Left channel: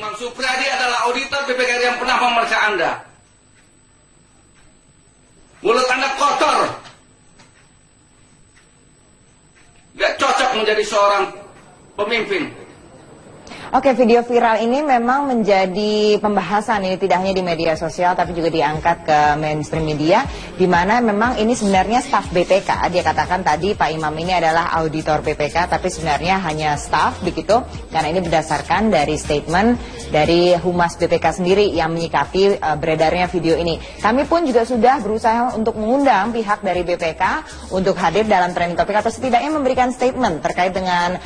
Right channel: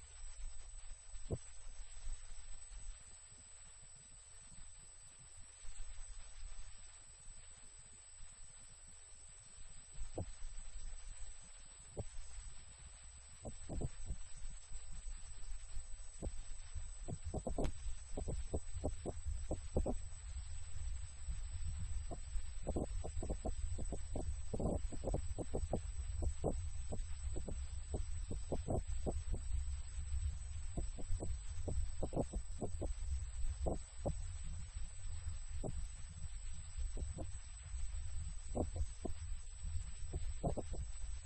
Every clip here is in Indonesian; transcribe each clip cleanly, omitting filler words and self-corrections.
Imam Supriyadi adalah auditor BPK yang pernah memeriksa Anda. Mulut Anda kotor. Gak cocok menjadi seorang pemimpin. Oke, video viral ini memang menjadi pembahasan, ini tidak hanya di media sosial tapi juga diangkat ke mainstream media, di mana memang ini sebenarnya staf BPK. Dia katakan tadi Pak Imam ini adalah auditor BPK, tapi sebenarnya hanya staf begitu, karena ini berdasarkan dari statement dari Humas BPK sendiri yang menyikapi beredarnya video ini. Kami pun juga sudah berusaha untuk mengundang pihak dari BPK untuk hadir dalam trending topik atau setidaknya memberikan statement terkait dengan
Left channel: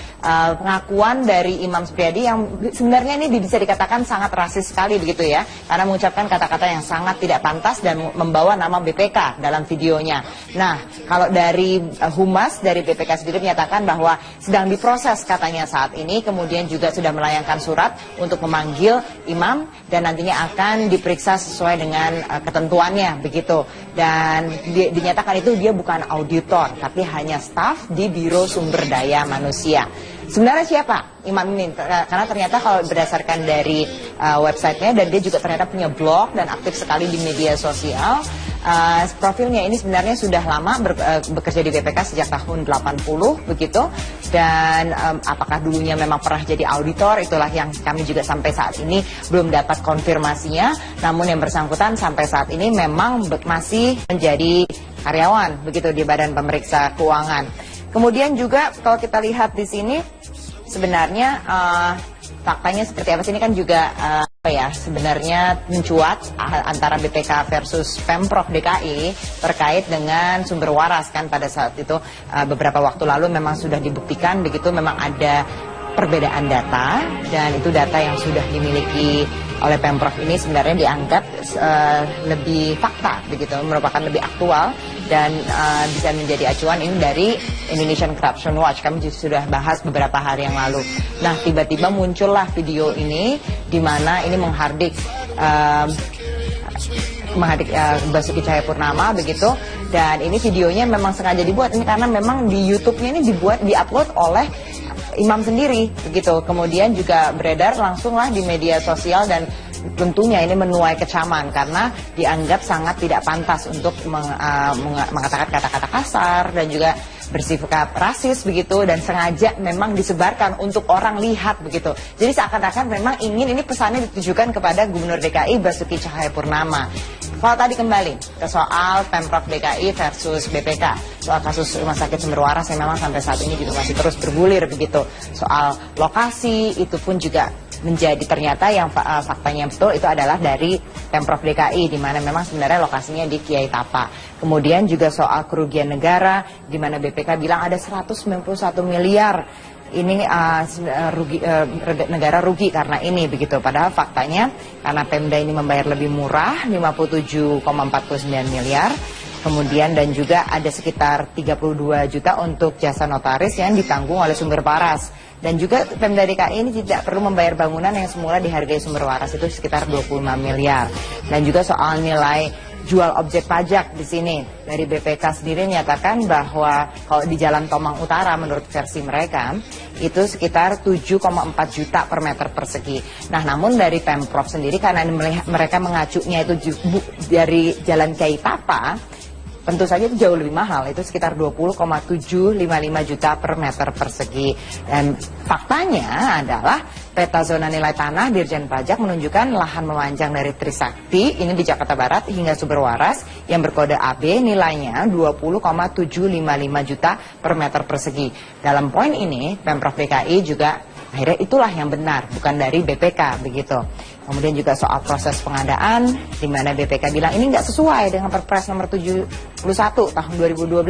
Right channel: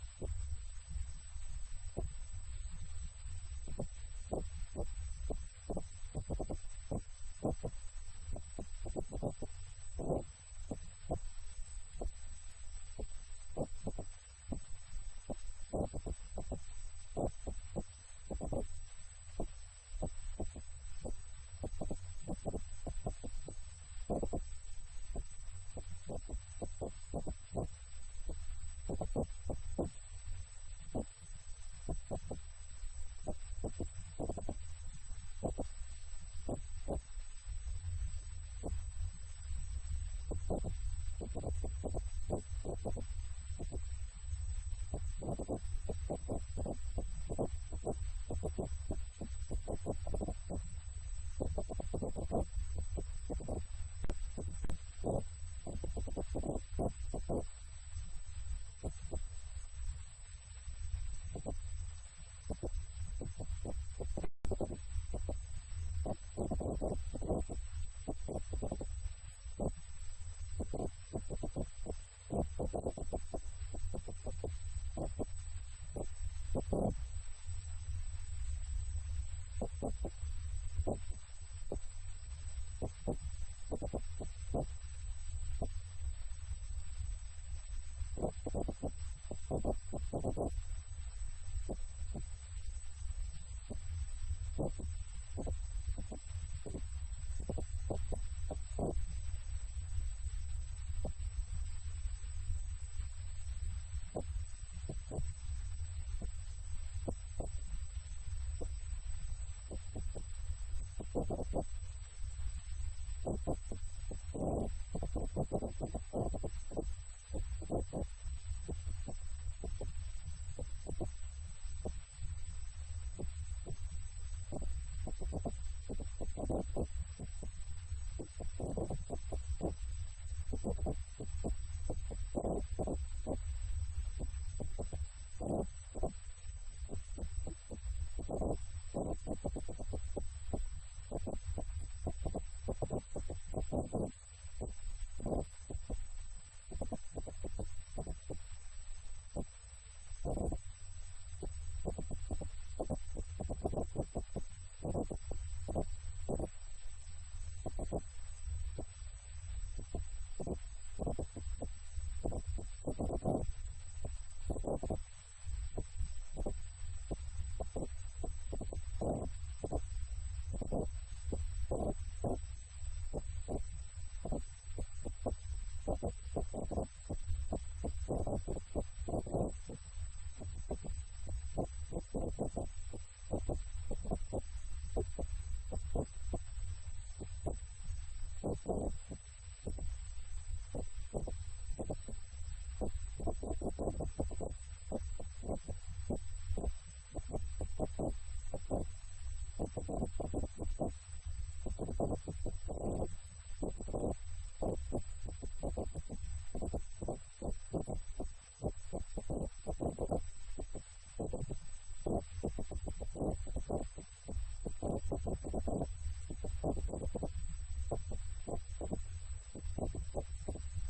pengakuan dari Imam Supriyadi yang sebenarnya ini bisa dikatakan sangat rasis sekali begitu ya, karena mengucapkan kata-kata yang sangat tidak pantas dan membawa nama BPK dalam videonya. Nah, kalau dari Humas dari BPK sendiri menyatakan bahwa sedang diproses katanya saat ini, kemudian juga sudah melayangkan surat untuk memanggil Imam dan nantinya akan diperiksa sesuai dengan ketentuannya begitu. Dan dinyatakan itu dia bukan auditor tapi hanya staf di Biro Sumber Daya Manusia. Sebenarnya siapa Imam ini? Karena ternyata kalau berdasarkan dari websitenya, dan dia juga ternyata punya blog dan aktif sekali di media sosial. Profilnya ini sebenarnya sudah lama bekerja di BPK sejak tahun 80 begitu. Dan apakah dulunya memang pernah jadi auditor, itulah yang kami juga sampai saat ini belum dapat konfirmasinya. Namun yang bersangkutan sampai saat ini memang masih menjadi karyawan begitu di Badan Pemeriksa Keuangan. Kemudian juga kalau kita lihat di sini sebenarnya faktanya seperti apa sih, ini kan juga sebenarnya mencuat antara BPK versus Pemprov DKI terkait dengan sumber waras kan. Pada saat itu beberapa waktu lalu memang sudah dibuktikan begitu, memang ada perbedaan data, dan itu data yang sudah dimiliki oleh Pemprov ini sebenarnya dianggap lebih fakta begitu, merupakan lebih aktual dan bisa menjadi acuan. Ini dari Indonesian Corruption Watch, kami sudah bahas beberapa hari yang lalu. Nah, tiba-tiba muncullah video ini di mana ini menghardik Basuki Cahayapurnama begitu, dan ini videonya memang sengaja dibuat ini karena memang di YouTube-nya ini diupload oleh Imam sendiri begitu, kemudian juga beredar langsunglah di media sosial, dan tentunya ini menuai kecaman karena dianggap sangat tidak pantas untuk mengatakan kata-kata kasar dan juga bersifat rasis begitu, dan sengaja memang disebarkan untuk orang lihat begitu. Jadi seakan-akan memang ingin ini pesannya ditujukan kepada Gubernur DKI Basuki Cahayapurnama. Kalau tadi kembali ke soal Pemprov DKI versus BPK, soal kasus Rumah Sakit Sumber Waras yang memang sampai saat ini juga masih terus bergulir begitu. Soal lokasi itu pun juga menjadi ternyata yang faktanya yang betul itu adalah dari Pemprov DKI, di mana memang sebenarnya lokasinya di Kiai Tapa. Kemudian juga soal kerugian negara, di mana BPK bilang ada 191 miliar ini negara rugi karena ini begitu. Padahal faktanya karena Pemda ini membayar lebih murah 57,49 miliar. Kemudian dan juga ada sekitar 32 juta untuk jasa notaris yang ditanggung oleh Sumber Waras. Dan juga Pemda DKI ini tidak perlu membayar bangunan yang semula dihargai Sumber Waras itu sekitar 25 miliar. Dan juga soal nilai jual objek pajak di sini dari BPK sendiri menyatakan bahwa kalau di Jalan Tomang Utara menurut versi mereka itu sekitar 7,4 juta per meter persegi. Nah, namun dari Pemprov sendiri karena mereka mengacunya itu dari Jalan Kiai Tapa, tentu saja itu jauh lebih mahal, itu sekitar 20,755 juta per meter persegi. Dan faktanya adalah peta zona nilai tanah Dirjen Pajak menunjukkan lahan memanjang dari Trisakti, ini di Jakarta Barat, hingga Sumber Waras yang berkode AB nilainya 20,755 juta per meter persegi. Dalam poin ini, Pemprov DKI juga akhirnya itulah yang benar, bukan dari BPK begitu. Kemudian juga soal proses pengadaan, di mana BPK bilang ini nggak sesuai dengan Perpres nomor 71 tahun 2012.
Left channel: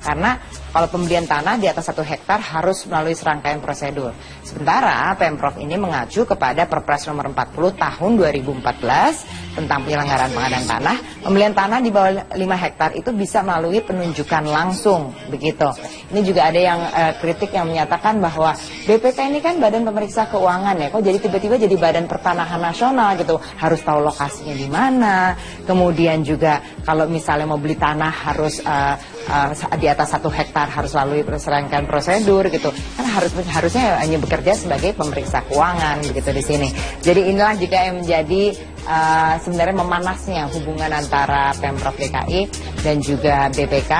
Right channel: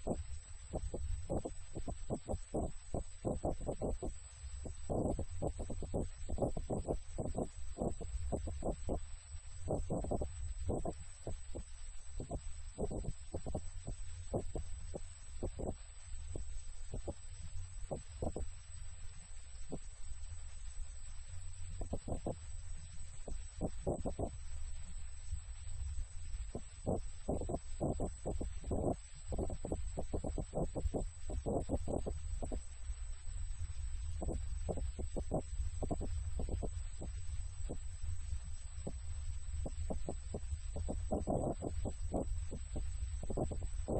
Karena kalau pembelian tanah di atas 1 hektar harus melalui serangkaian prosedur. Sementara Pemprov ini mengacu kepada Perpres nomor 40 tahun 2014 tentang penyelenggaraan pengadaan tanah. Pembelian tanah di bawah 5 hektar itu bisa melalui penunjukan langsung begitu. Ini juga ada yang kritik yang menyatakan bahwa BPK ini kan Badan Pemeriksa Keuangan ya, kok jadi tiba-tiba jadi Badan Pertanahan pertahanan nasional gitu, harus tahu lokasinya di mana. Kemudian juga kalau misalnya mau beli tanah harus di atas 1 hektar harus lalui serangkaian prosedur gitu. Kan harusnya hanya bekerja sebagai pemeriksa keuangan begitu di sini. Jadi inilah juga yang menjadi sebenarnya memanasnya hubungan antara Pemprov DKI dan juga BPK,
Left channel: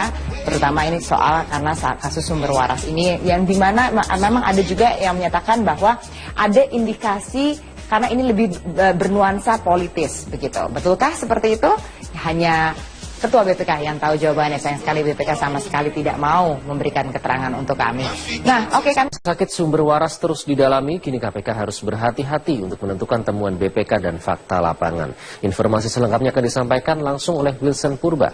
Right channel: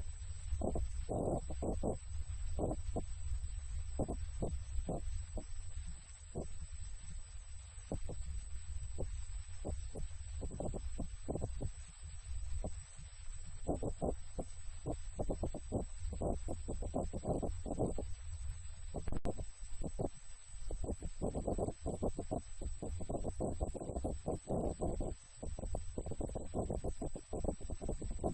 terutama ini soal karena kasus sumber waras ini yang dimana memang ada juga yang menyatakan bahwa ada indikasi karena ini lebih bernuansa politis begitu. Betulkah seperti itu? Hanya Ketua BPK yang tahu jawabannya. Sayang sekali BPK sama sekali tidak mau memberikan keterangan untuk kami. Nah, oke kan. Sakit sumber waras terus didalami, kini KPK harus berhati-hati untuk menentukan temuan BPK dan fakta lapangan. Informasi selengkapnya akan disampaikan langsung oleh Wilson Purba.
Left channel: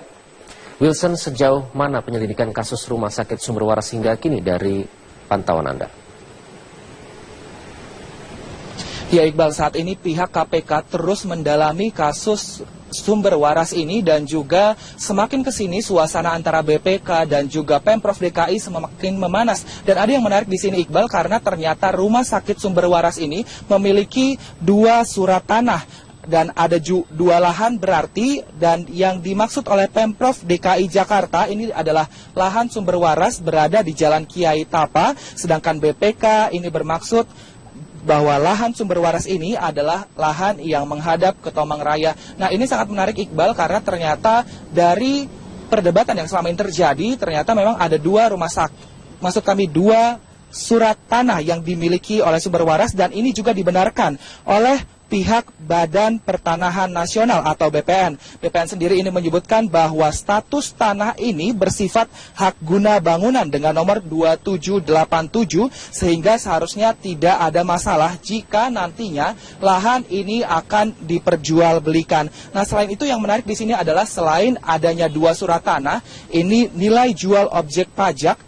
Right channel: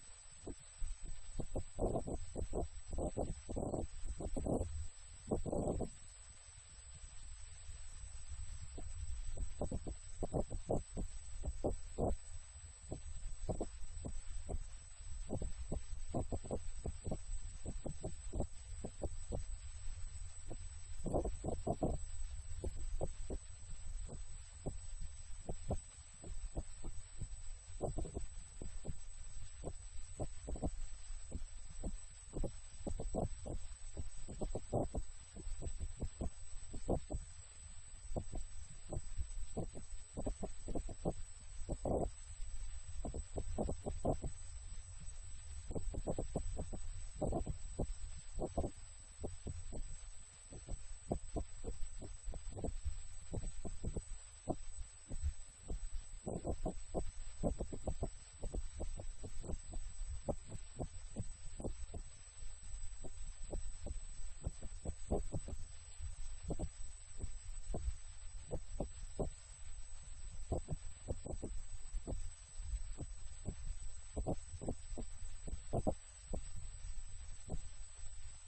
Wilson, sejauh mana penyelidikan kasus rumah sakit sumber waras hingga kini dari pantauan Anda? Ya Iqbal, saat ini pihak KPK terus mendalami kasus sumber waras ini dan juga semakin kesini suasana antara BPK dan juga Pemprov DKI semakin memanas. Dan ada yang menarik di sini Iqbal karena ternyata rumah sakit sumber waras ini memiliki 2 surat tanah. Dan ada 2 lahan berarti, dan yang dimaksud oleh Pemprov DKI Jakarta ini adalah lahan sumber waras berada di Jalan Kiai Tapa, sedangkan BPK ini bermaksud bahwa lahan sumber waras ini adalah lahan yang menghadap ke Tomang Raya. Nah, ini sangat menarik Iqbal karena ternyata dari perdebatan yang selama ini terjadi, ternyata memang ada 2 rumah sakit, maksud kami 2 surat tanah yang dimiliki oleh sumber waras, dan ini juga dibenarkan oleh pihak Badan Pertanahan Nasional atau BPN. BPN sendiri ini menyebutkan bahwa status tanah ini bersifat hak guna bangunan dengan nomor 2787, sehingga seharusnya tidak ada masalah jika nantinya lahan ini akan diperjualbelikan. Nah, selain itu yang menarik di sini adalah selain adanya 2 surat tanah, ini nilai jual objek pajak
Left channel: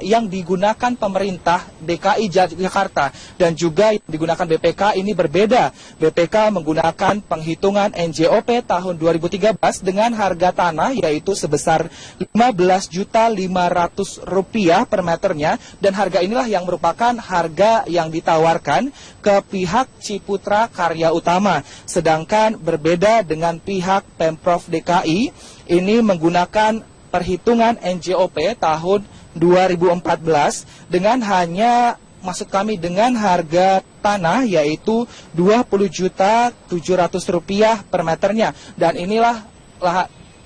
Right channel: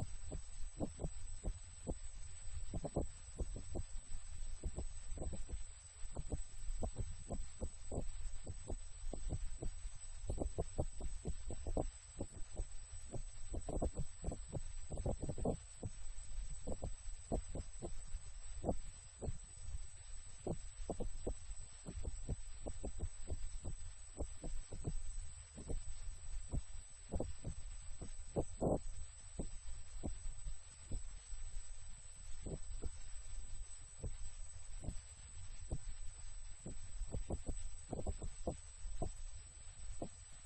yang digunakan pemerintah DKI Jakarta dan juga yang digunakan BPK ini berbeda. BPK menggunakan penghitungan NJOP tahun 2013 dengan harga tanah yaitu sebesar Rp15.500.000 per meternya, dan harga inilah yang merupakan harga yang ditawarkan ke pihak Ciputra Karya Utama. Sedangkan berbeda dengan pihak Pemprov DKI ini menggunakan perhitungan NJOP tahun 2014 dengan hanya, maksud kami dengan harga tanah yaitu Rp20.700.000 per meternya, dan inilah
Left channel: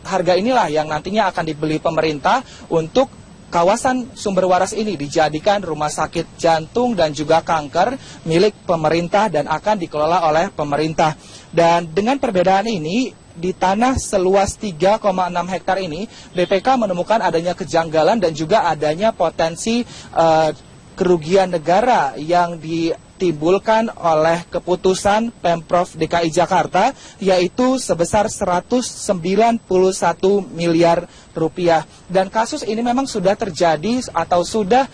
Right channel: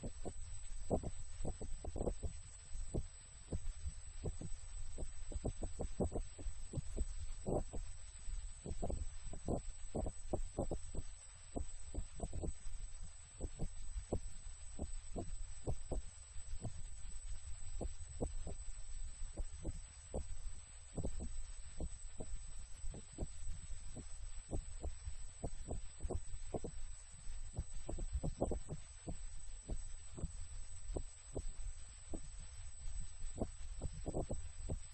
harga inilah yang nantinya akan dibeli pemerintah untuk kawasan sumber waras ini dijadikan rumah sakit jantung dan juga kanker milik pemerintah dan akan dikelola oleh pemerintah. Dan dengan perbedaan ini, di tanah seluas 3,6 hektar ini, BPK menemukan adanya kejanggalan dan juga adanya potensi kerugian negara yang ditimbulkan oleh keputusan Pemprov DKI Jakarta, yaitu sebesar Rp191 miliar. Dan kasus ini memang sudah terjadi atau sudah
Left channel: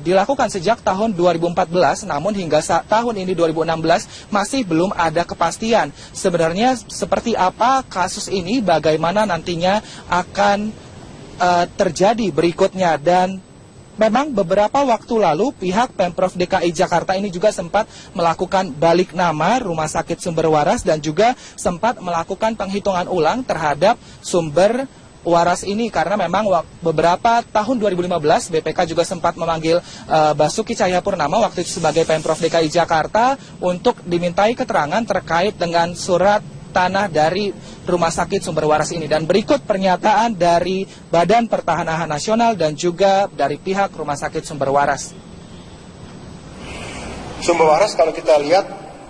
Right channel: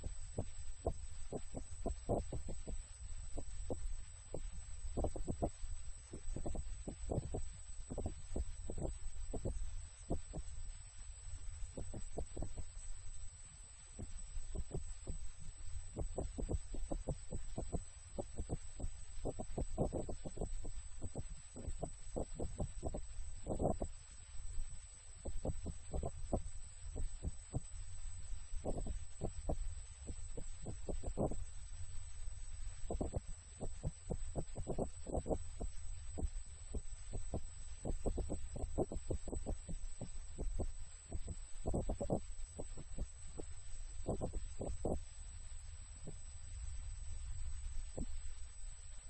dilakukan sejak tahun 2014, namun hingga tahun ini 2016 masih belum ada kepastian sebenarnya seperti apa kasus ini, bagaimana nantinya akan terjadi berikutnya. Dan memang beberapa waktu lalu pihak Pemprov DKI Jakarta ini juga sempat melakukan balik nama rumah sakit sumber waras dan juga sempat melakukan penghitungan ulang terhadap sumber waras ini, karena memang beberapa tahun 2015 BPK juga sempat memanggil Basuki Cahayapurnama waktu itu sebagai Pemprov DKI Jakarta untuk dimintai keterangan terkait dengan surat tanah dari rumah sakit sumber waras ini. Dan berikut pernyataan dari Badan Pertanahan Nasional dan juga dari pihak rumah sakit sumber waras. Sumber waras kalau kita lihat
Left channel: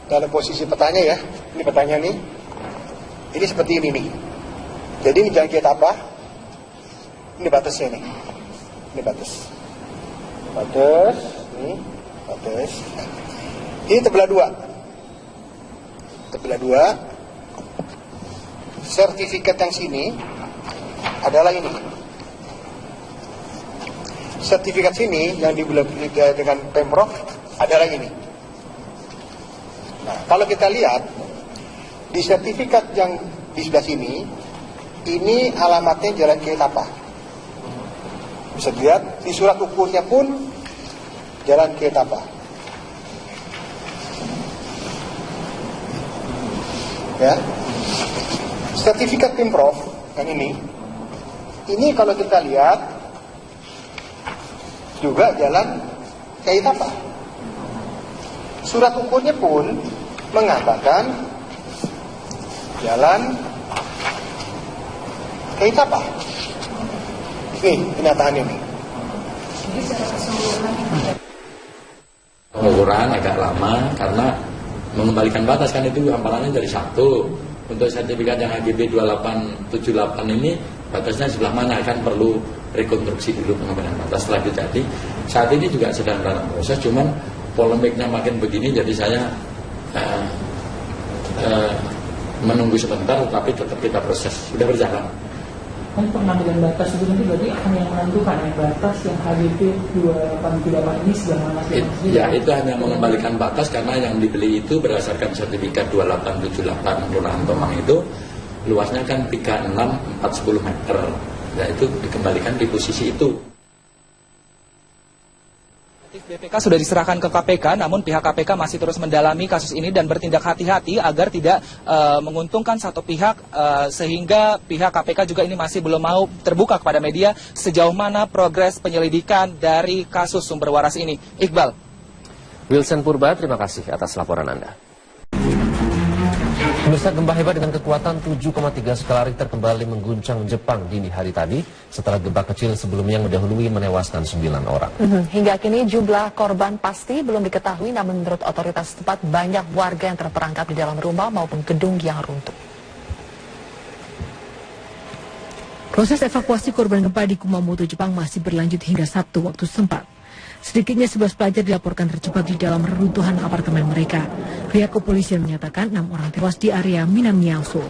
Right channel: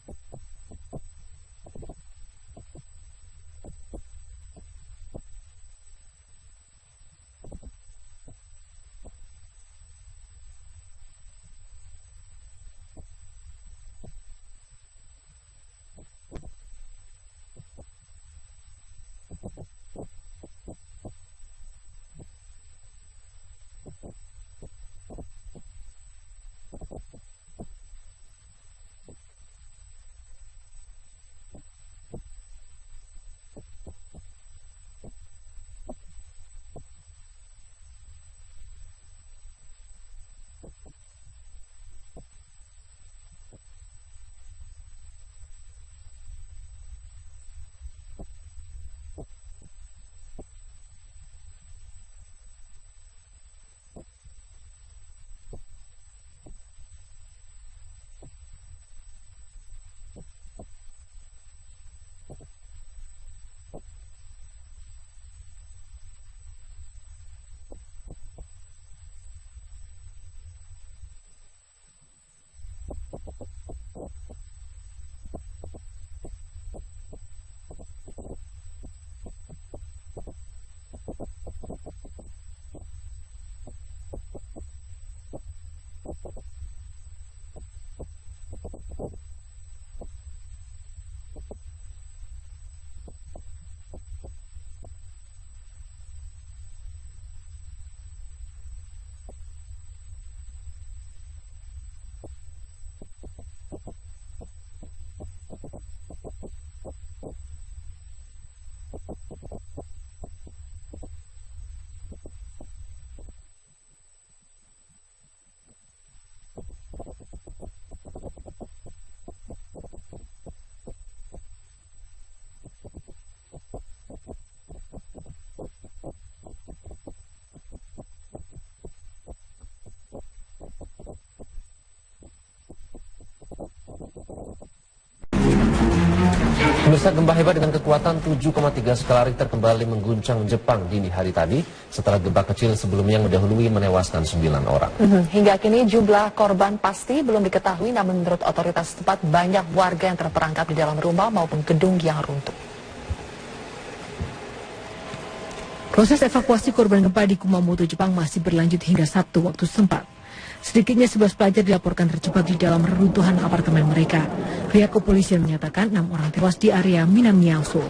dalam posisi petanya ya, ini petanya nih, ini seperti ini nih. Jadi ini jalan kita apa? Ini batasnya nih, ini batas, ini batas. Ini terbelah dua. Sertifikat yang sini adalah ini. Sertifikat sini yang dibelah dengan Pemprov adalah ini. Nah, kalau kita lihat di sertifikat yang di sebelah sini, ini alamatnya Jalan Kiai Tapa. Bisa dilihat di surat ukurnya pun Jalan Kiai Tapa. Ya, sertifikat Pemprov yang ini kalau kita lihat juga jalan kayak apa? Surat ukurnya pun mengatakan jalan kayak apa? Nih, kenyataannya nih. Pengukuran agak lama karena mengembalikan batas kan itu hamparannya dari 1. Untuk sertifikat yang AGB 2878 ini batasnya sebelah mana kan perlu rekonstruksi dulu pengembalian batas setelah itu. Jadi saat ini juga sedang dalam proses, cuman polemiknya makin begini jadi saya menunggu sebentar, tapi tetap kita proses, sudah berjalan. Kan pengambilan batas itu nanti berarti akan yang menentukan yang batas yang HGB 2878 ini sebelah mana? Ya, itu hanya mengembalikan batas karena yang dibeli itu berdasarkan sertifikat 2878 Kelurahan Tomang itu luasnya kan 36/410 meter. Ya, itu dikembalikan di posisi itu. BPK sudah diserahkan ke KPK, namun pihak KPK masih terus mendalami kasus ini dan bertindak hati-hati agar tidak menguntungkan satu pihak, sehingga pihak KPK juga ini masih belum mau terbuka kepada media sejauh mana progres penyelidikan dari kasus sumber waras ini. Iqbal. Wilson Purba, terima kasih atas laporan Anda. Pemirsa, gempa hebat dengan kekuatan 7,3 skala Richter kembali mengguncang Jepang dini hari tadi setelah gempa kecil sebelumnya yang mendahului menewaskan 9 orang. Hingga kini jumlah korban pasti belum diketahui, namun menurut otoritas setempat banyak warga yang terperangkap di dalam rumah maupun gedung yang runtuh. Proses evakuasi korban gempa di Kumamoto, Jepang masih berlanjut hingga Sabtu waktu setempat. Sedikitnya 11 pelajar dilaporkan terjebak di dalam reruntuhan apartemen mereka. Pihak kepolisian menyatakan 6 orang tewas di area Minamiaso.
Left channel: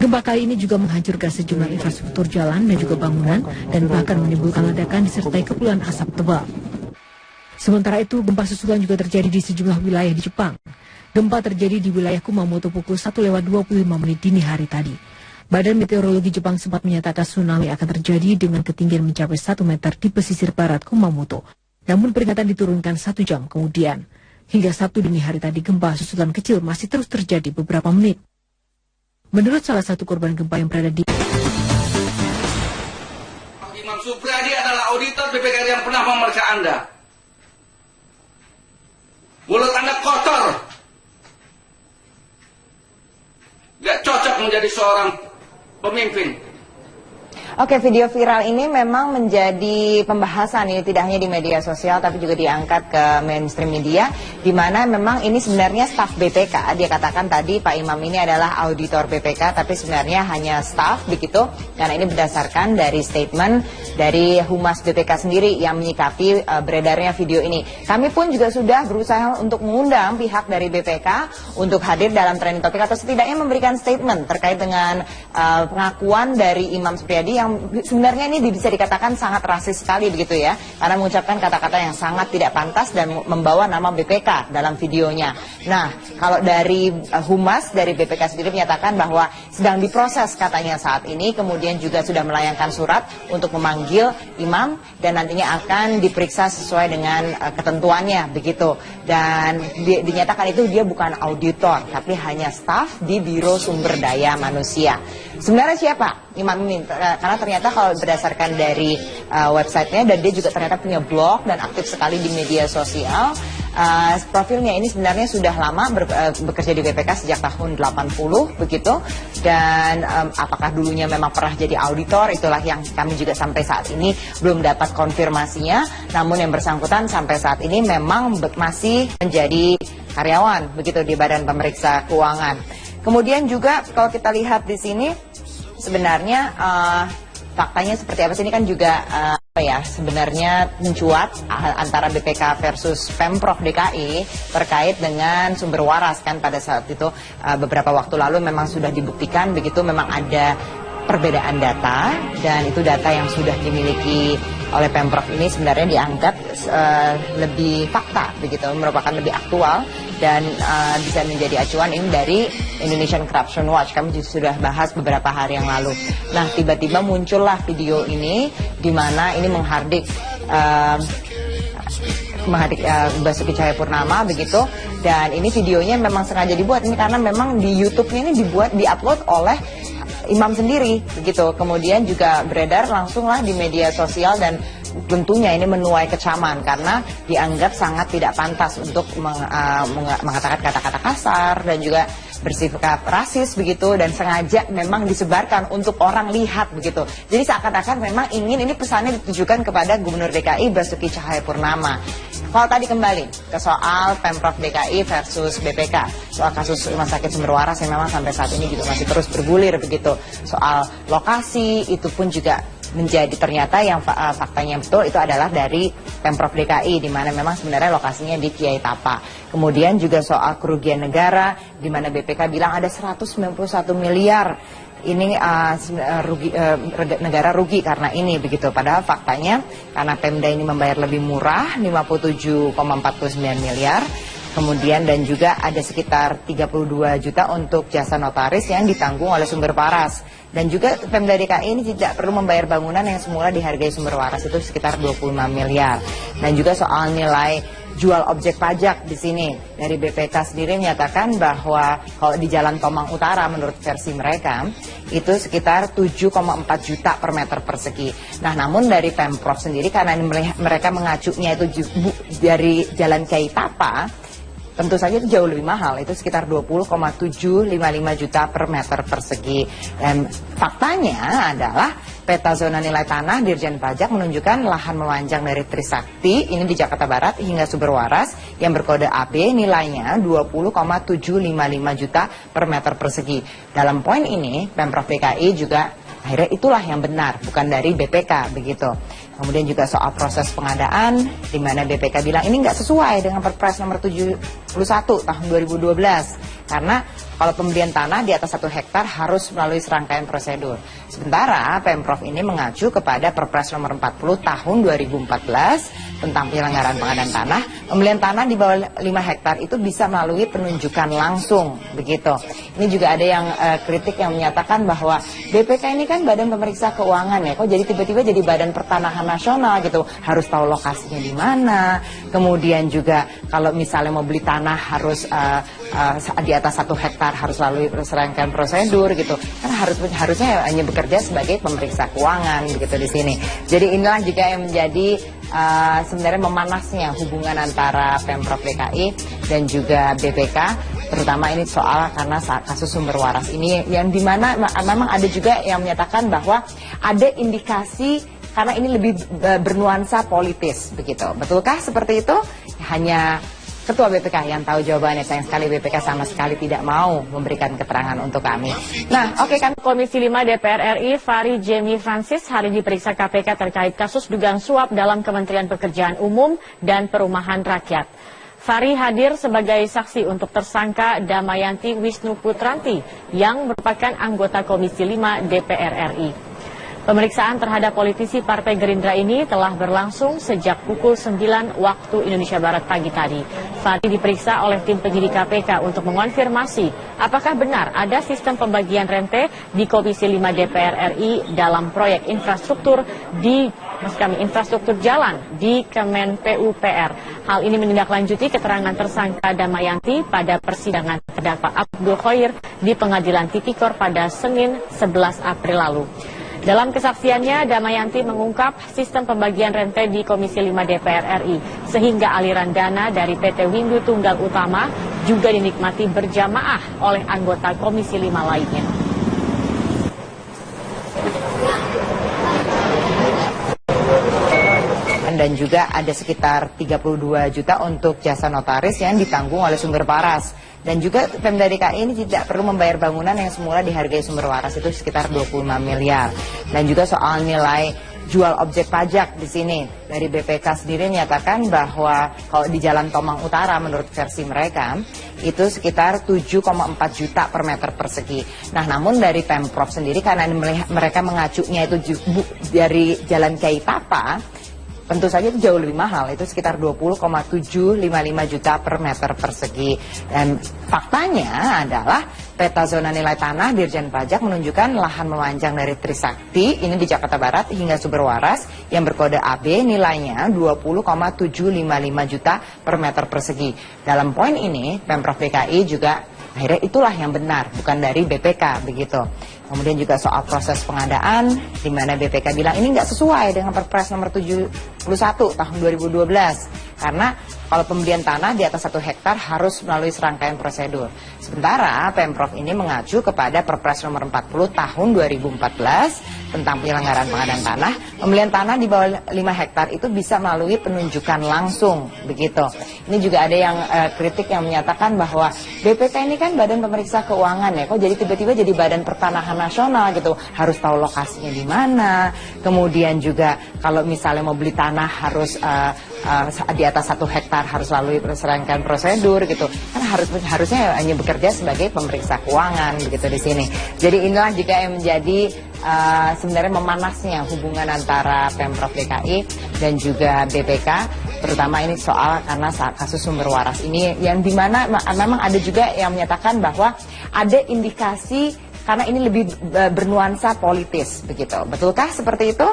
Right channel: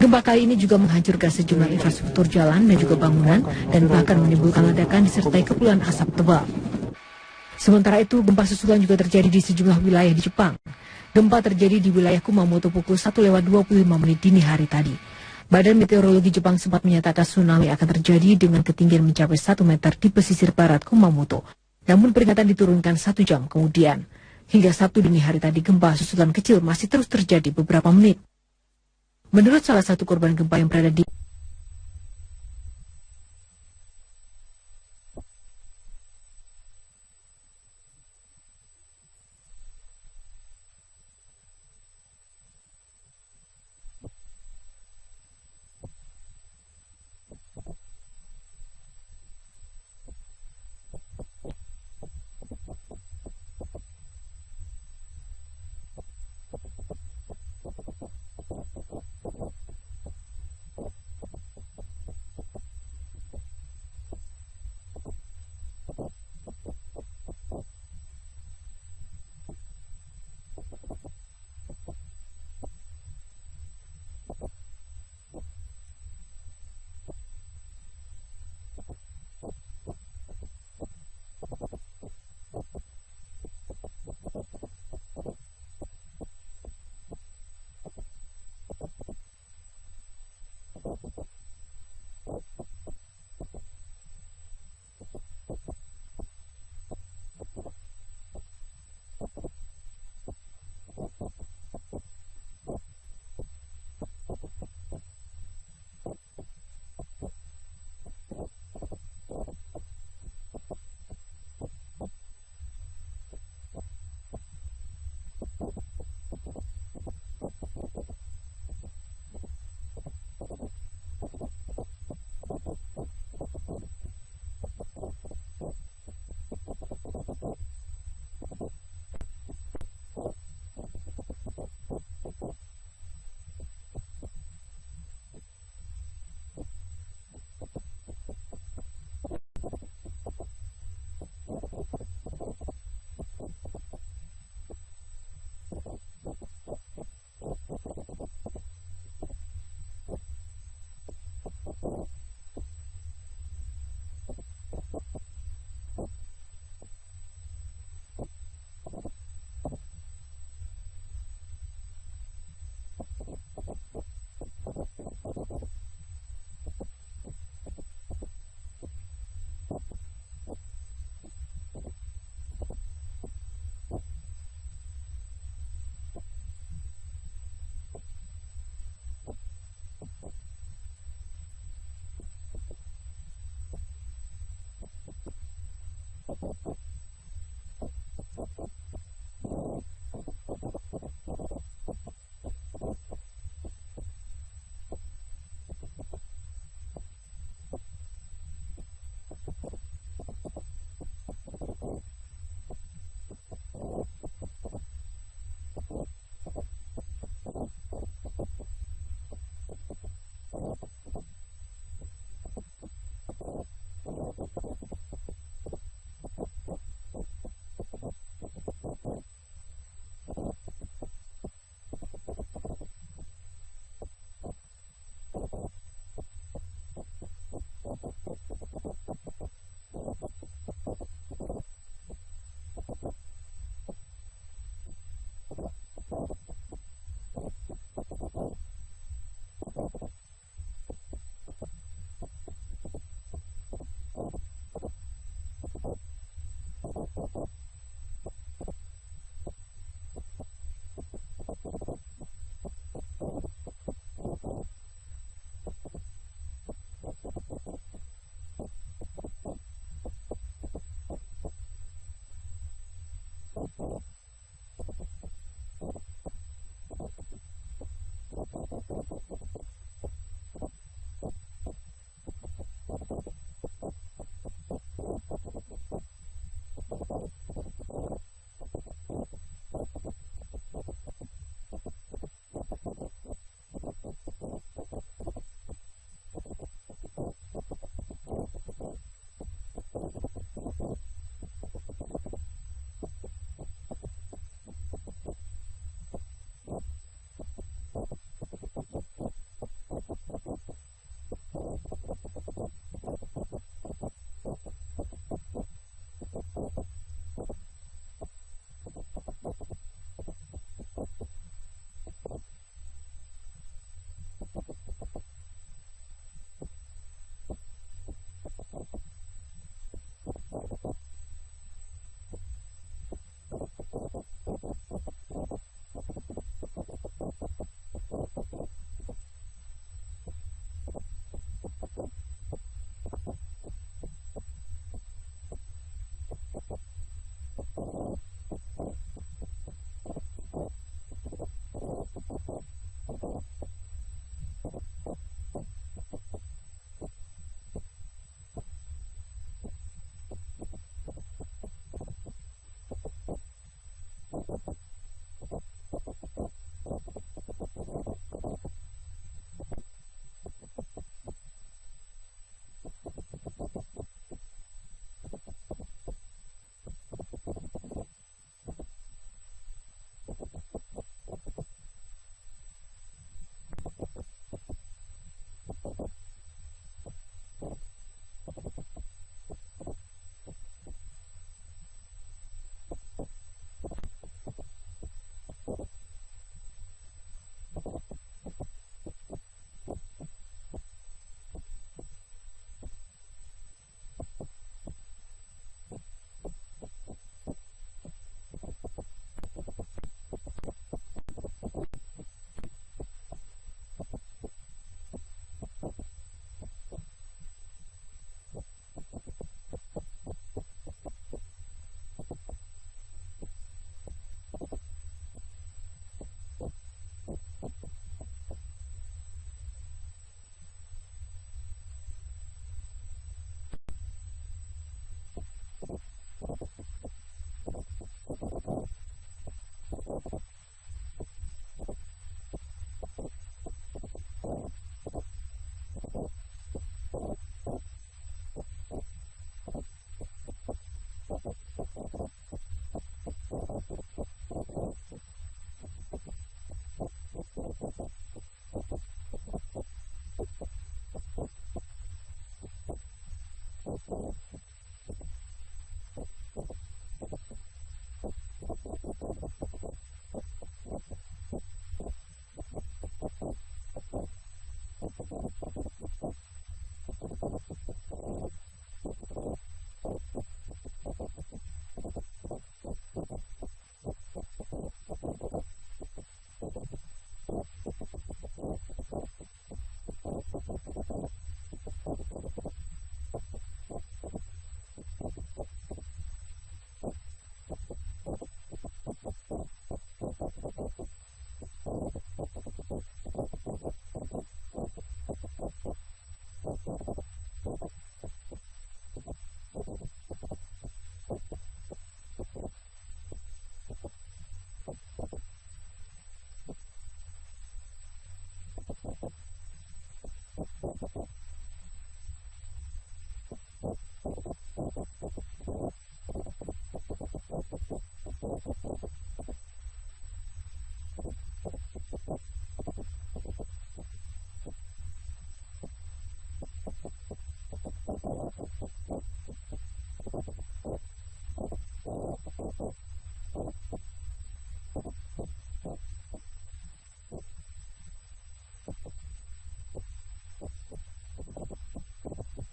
Gempa kali ini juga menghancurkan sejumlah infrastruktur jalan dan juga bangunan dan bahkan menimbulkan ledakan disertai kepulan asap tebal. Sementara itu, gempa susulan juga terjadi di sejumlah wilayah di Jepang. Gempa terjadi di wilayah Kumamoto pukul 1:25 dini hari tadi. Badan Meteorologi Jepang sempat menyatakan tsunami akan terjadi dengan ketinggian mencapai 1 meter di pesisir barat Kumamoto. Namun peringatan diturunkan 1 jam kemudian. Hingga Sabtu dini hari tadi gempa susulan kecil masih terus terjadi beberapa menit. Menurut salah satu korban gempa yang berada di Imam Supriyadi adalah auditor BPK yang pernah memeriksa Anda. Mulut Anda kotor. Gak cocok menjadi seorang pemimpin. Oke, video viral ini memang menjadi pembahasan ini tidak hanya di media sosial tapi juga diangkat ke mainstream media, di mana memang ini sebenarnya staf BPK. Dia katakan tadi Pak Imam ini adalah auditor BPK tapi sebenarnya hanya staf begitu, karena ini berdasarkan dari statement dari Humas BPK sendiri yang menyikapi beredarnya video ini. Kami pun juga sudah berusaha untuk mengundang pihak dari BPK untuk hadir dalam trending topik atau setidaknya memberikan statement terkait dengan pengakuan dari Imam Supriyadi yang sebenarnya ini bisa dikatakan sangat rasis sekali begitu ya, karena mengucapkan kata-kata yang sangat tidak pantas dan membawa nama BPK dalam videonya. Nah, kalau dari Humas dari BPK sendiri menyatakan bahwa sedang diproses katanya saat ini, kemudian juga sudah melayangkan surat untuk memanggil Imam dan nantinya akan diperiksa sesuai dengan ketentuannya begitu. Dan dinyatakan itu dia bukan auditor tapi hanya staf di Biro Sumber Daya Manusia. Sebenarnya siapa Imam ini? Karena ternyata kalau berdasarkan dari websitenya, dan dia juga ternyata punya blog dan aktif sekali di media sosial. Profilnya ini sebenarnya sudah lama bekerja di BPK sejak tahun 80 begitu, dan apakah dulunya memang pernah jadi auditor, itulah yang kami juga sampai saat ini belum dapat konfirmasinya. Namun yang bersangkutan sampai saat ini memang masih menjadi karyawan begitu di Badan Pemeriksa Keuangan. Kemudian juga kalau kita lihat di sini sebenarnya faktanya seperti apa sih, ini kan juga sebenarnya mencuat antara BPK versus Pemprov DKI terkait dengan sumber waras kan. Pada saat itu beberapa waktu lalu memang sudah dibuktikan begitu, memang ada perbedaan data, dan itu data yang sudah dimiliki oleh Pemprov ini sebenarnya dianggap lebih fakta begitu, merupakan lebih aktual dan bisa menjadi acuan ini dari Indonesian Corruption Watch. Kami juga sudah bahas beberapa hari yang lalu. Nah, tiba-tiba muncullah video ini di mana ini menghardik Basuki Cahayapurnama begitu. Dan ini videonya memang sengaja dibuat ini karena memang di YouTube-nya ini diupload oleh imam sendiri begitu. Kemudian juga beredar langsunglah di media sosial dan tentunya ini menuai kecaman karena dianggap sangat tidak pantas untuk mengatakan kata-kata kasar dan juga bersikap rasis begitu, dan sengaja memang disebarkan untuk orang lihat begitu. Jadi seakan-akan memang ini pesannya ditujukan kepada Gubernur DKI Basuki Cahayapurnama. Kalau tadi kembali ke soal Pemprov DKI versus BPK, soal kasus Rumah Sakit Sumber Waras yang memang sampai saat ini juga masih terus bergulir begitu. Soal lokasi itu pun juga menjadi ternyata yang faktanya betul itu adalah dari Pemprov DKI, di mana memang sebenarnya lokasinya di Kiai Tapa. Kemudian juga soal kerugian negara, di mana BPK bilang ada 191 miliar ini negara rugi karena ini begitu. Padahal faktanya karena Pemda ini membayar lebih murah 57,49 miliar. Kemudian dan juga ada sekitar 32 juta untuk jasa notaris yang ditanggung oleh Sumber Waras. Dan juga Pemda DKI ini tidak perlu membayar bangunan yang semula dihargai Sumber Waras itu sekitar 25 miliar. Dan juga soal nilai jual objek pajak di sini. Dari BPK sendiri menyatakan bahwa kalau di Jalan Tomang Utara menurut versi mereka itu sekitar 7,4 juta per meter persegi. Nah, namun dari Pemprov sendiri karena mereka mengacunya itu dari Jalan Kiai Tapa, tentu saja itu jauh lebih mahal, itu sekitar 20,755 juta per meter persegi. Dan faktanya adalah peta zona nilai tanah Dirjen Pajak menunjukkan lahan memanjang dari Trisakti, ini di Jakarta Barat, hingga Sumber Waras yang berkode AB nilainya 20,755 juta per meter persegi. Dalam poin ini, Pemprov DKI juga akhirnya itulah yang benar, bukan dari BPK begitu. Kemudian juga soal proses pengadaan, di mana BPK bilang ini nggak sesuai dengan Perpres nomor 71 tahun 2012. Karena kalau pembelian tanah di atas 1 hektar harus melalui serangkaian prosedur. Sementara Pemprov ini mengacu kepada Perpres nomor 40 tahun 2014 tentang penyelenggaraan pengadaan tanah. Pembelian tanah di bawah 5 hektar itu bisa melalui penunjukan langsung begitu. Ini juga ada yang kritik yang menyatakan bahwa BPK ini kan Badan Pemeriksa Keuangan ya, kok jadi tiba-tiba jadi Badan Pertanahan Nasional gitu, harus tahu lokasinya di mana. Kemudian juga kalau misalnya mau beli tanah harus di atas 1 hektar harus melalui serangkaian prosedur gitu. Kan harusnya hanya bekerja sebagai pemeriksa keuangan begitu di sini. Jadi inilah juga yang menjadi sebenarnya memanasnya hubungan antara Pemprov DKI dan juga BPK, terutama ini soal karena kasus Sumber Waras ini yang dimana memang ada juga yang menyatakan bahwa ada indikasi karena ini lebih bernuansa politis begitu. Betulkah seperti itu? Hanya Ketua BPK yang tahu jawabannya. Sayang sekali BPK sama sekali tidak mau memberikan keterangan untuk kami. Nah, oke kan. Komisi 5 DPR RI Fahri Jemi Francis hari diperiksa KPK terkait kasus dugaan suap dalam Kementerian Pekerjaan Umum dan Perumahan Rakyat. Fahri hadir sebagai saksi untuk tersangka Damayanti Wisnu Putranti yang merupakan anggota Komisi 5 DPR RI. Pemeriksaan terhadap politisi Partai Gerindra ini telah berlangsung sejak pukul 9 waktu Indonesia Barat pagi tadi. Fahri diperiksa oleh tim penyidik KPK untuk mengonfirmasi apakah benar ada sistem pembagian rente di Komisi 5 DPR RI dalam proyek infrastruktur infrastruktur jalan di Kemen PUPR. Hal ini menindaklanjuti keterangan tersangka Damayanti pada persidangan terdakwa Abdul Khoir di Pengadilan Tipikor pada Senin 11 April lalu. Dalam kesaksiannya, Damayanti mengungkap sistem pembagian rente di Komisi 5 DPR RI, sehingga aliran dana dari PT Windu Tunggal Utama juga dinikmati berjamaah oleh anggota Komisi 5 lainnya. Dan juga ada sekitar 32 juta untuk jasa notaris yang ditanggung oleh Sumber Waras. Dan juga Pemda DKI ini tidak perlu membayar bangunan yang semula dihargai Sumber Waras itu sekitar 25 miliar. Dan juga soal nilai jual objek pajak di sini. Dari BPK sendiri menyatakan bahwa kalau di Jalan Tomang Utara menurut versi mereka itu sekitar 7,4 juta per meter persegi. Nah, namun dari Pemprov sendiri karena mereka mengacunya itu dari Jalan Kiai Tapa, tentu saja itu jauh lebih mahal, itu sekitar 20,755 juta per meter persegi. Dan faktanya adalah peta zona nilai tanah Dirjen Pajak menunjukkan lahan memanjang dari Trisakti, ini di Jakarta Barat, hingga Sumber Waras yang berkode AB nilainya 20,755 juta per meter persegi. Dalam poin ini, Pemprov DKI juga akhirnya itulah yang benar, bukan dari BPK begitu. Kemudian juga soal proses pengadaan, di mana BPK bilang ini nggak sesuai dengan Perpres nomor 71 tahun 2012. Karena kalau pembelian tanah di atas 1 hektar harus melalui serangkaian prosedur. Sementara Pemprov ini mengacu kepada Perpres nomor 40 tahun 2014 tentang penyelenggaraan pengadaan tanah. Pembelian tanah di bawah 5 hektar itu bisa melalui penunjukan langsung begitu. Ini juga ada yang kritik yang menyatakan bahwa BPK ini kan Badan Pemeriksa Keuangan ya, kok jadi tiba-tiba jadi Badan Pertanahan Nasional gitu, harus tahu lokasinya di mana. Kemudian juga kalau misalnya mau beli tanah harus di atas 1 hektar harus lalui serangkaian prosedur gitu. Kan harusnya hanya bekerja sebagai pemeriksa keuangan begitu di sini. Jadi inilah juga yang menjadi sebenarnya memanasnya hubungan antara Pemprov DKI dan juga BPK, terutama ini soal karena kasus Sumber Waras ini yang dimana memang ada juga yang menyatakan bahwa ada indikasi karena ini lebih bernuansa politis begitu. Betulkah seperti itu?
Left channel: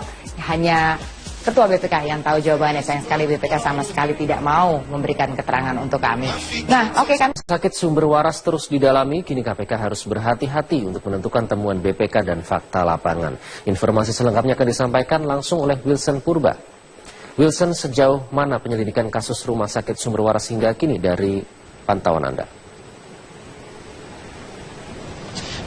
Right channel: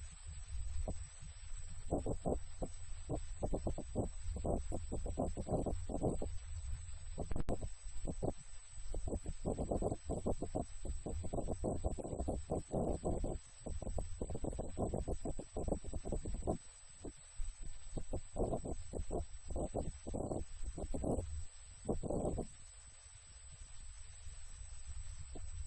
Hanya Ketua BPK yang tahu jawabannya. Sayang sekali BPK sama sekali tidak mau memberikan keterangan untuk kami. Nah, oke kami. Sakit Sumber Waras terus didalami, kini KPK harus berhati-hati untuk menentukan temuan BPK dan fakta lapangan. Informasi selengkapnya akan disampaikan langsung oleh Wilson Purba. Wilson, sejauh mana penyelidikan kasus Rumah Sakit Sumber Waras hingga kini dari pantauan Anda?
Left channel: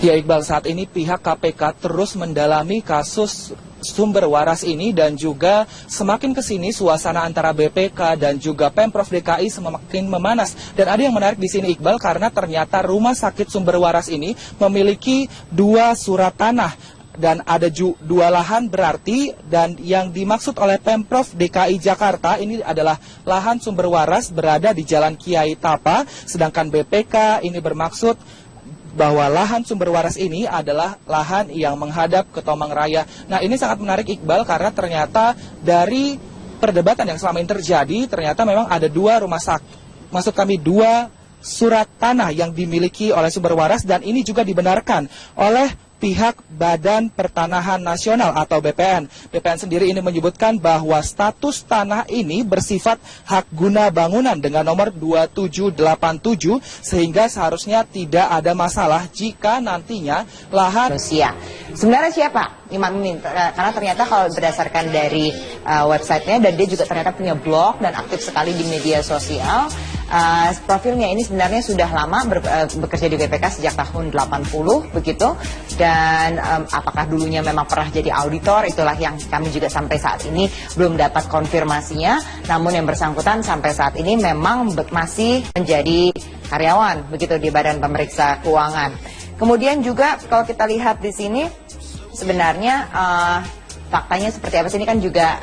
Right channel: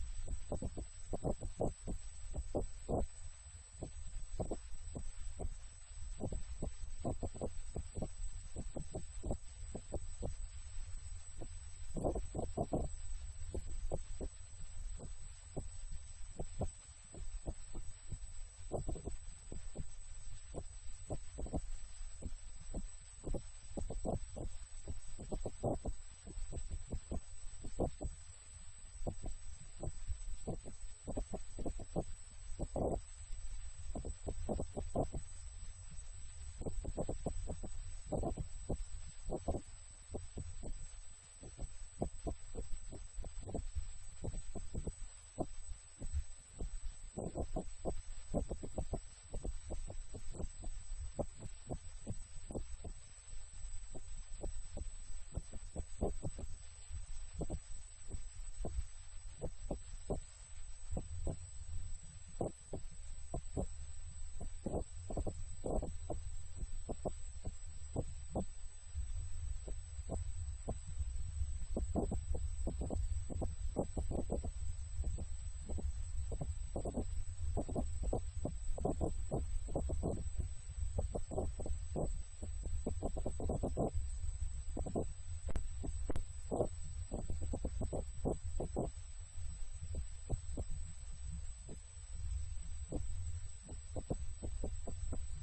Ya Iqbal, saat ini pihak KPK terus mendalami kasus Sumber Waras ini dan juga semakin kesini suasana antara BPK dan juga Pemprov DKI semakin memanas. Dan ada yang menarik di sini Iqbal karena ternyata Rumah Sakit Sumber Waras ini memiliki 2 surat tanah dan ada 2 lahan berarti, dan yang dimaksud oleh Pemprov DKI Jakarta ini adalah lahan Sumber Waras berada di Jalan Kiai Tapa, sedangkan BPK ini bermaksud bahwa lahan Sumber Waras ini adalah lahan yang menghadap ke Tomang Raya. Nah, ini sangat menarik Iqbal karena ternyata dari perdebatan yang selama ini terjadi, ternyata memang ada 2 rumah sakit, maksud kami 2 surat tanah yang dimiliki oleh Sumber Waras, dan ini juga dibenarkan oleh pihak Badan Pertanahan Nasional atau BPN. BPN sendiri ini menyebutkan bahwa status tanah ini bersifat hak guna bangunan dengan nomor 2787 sehingga seharusnya tidak ada masalah jika nantinya lahan manusia. Sebenarnya siapa Imam ini? Karena ternyata kalau berdasarkan dari websitenya, dan dia juga ternyata punya blog dan aktif sekali di media sosial. Profilnya ini sebenarnya sudah lama bekerja di BPK sejak tahun 80 begitu, dan apakah dulunya memang pernah jadi auditor, itulah yang kami juga sampai saat ini belum dapat konfirmasinya. Namun yang bersangkutan sampai saat ini memang masih menjadi karyawan begitu di Badan Pemeriksa Keuangan. Kemudian juga kalau kita lihat di sini sebenarnya faktanya seperti apa sih, ini kan juga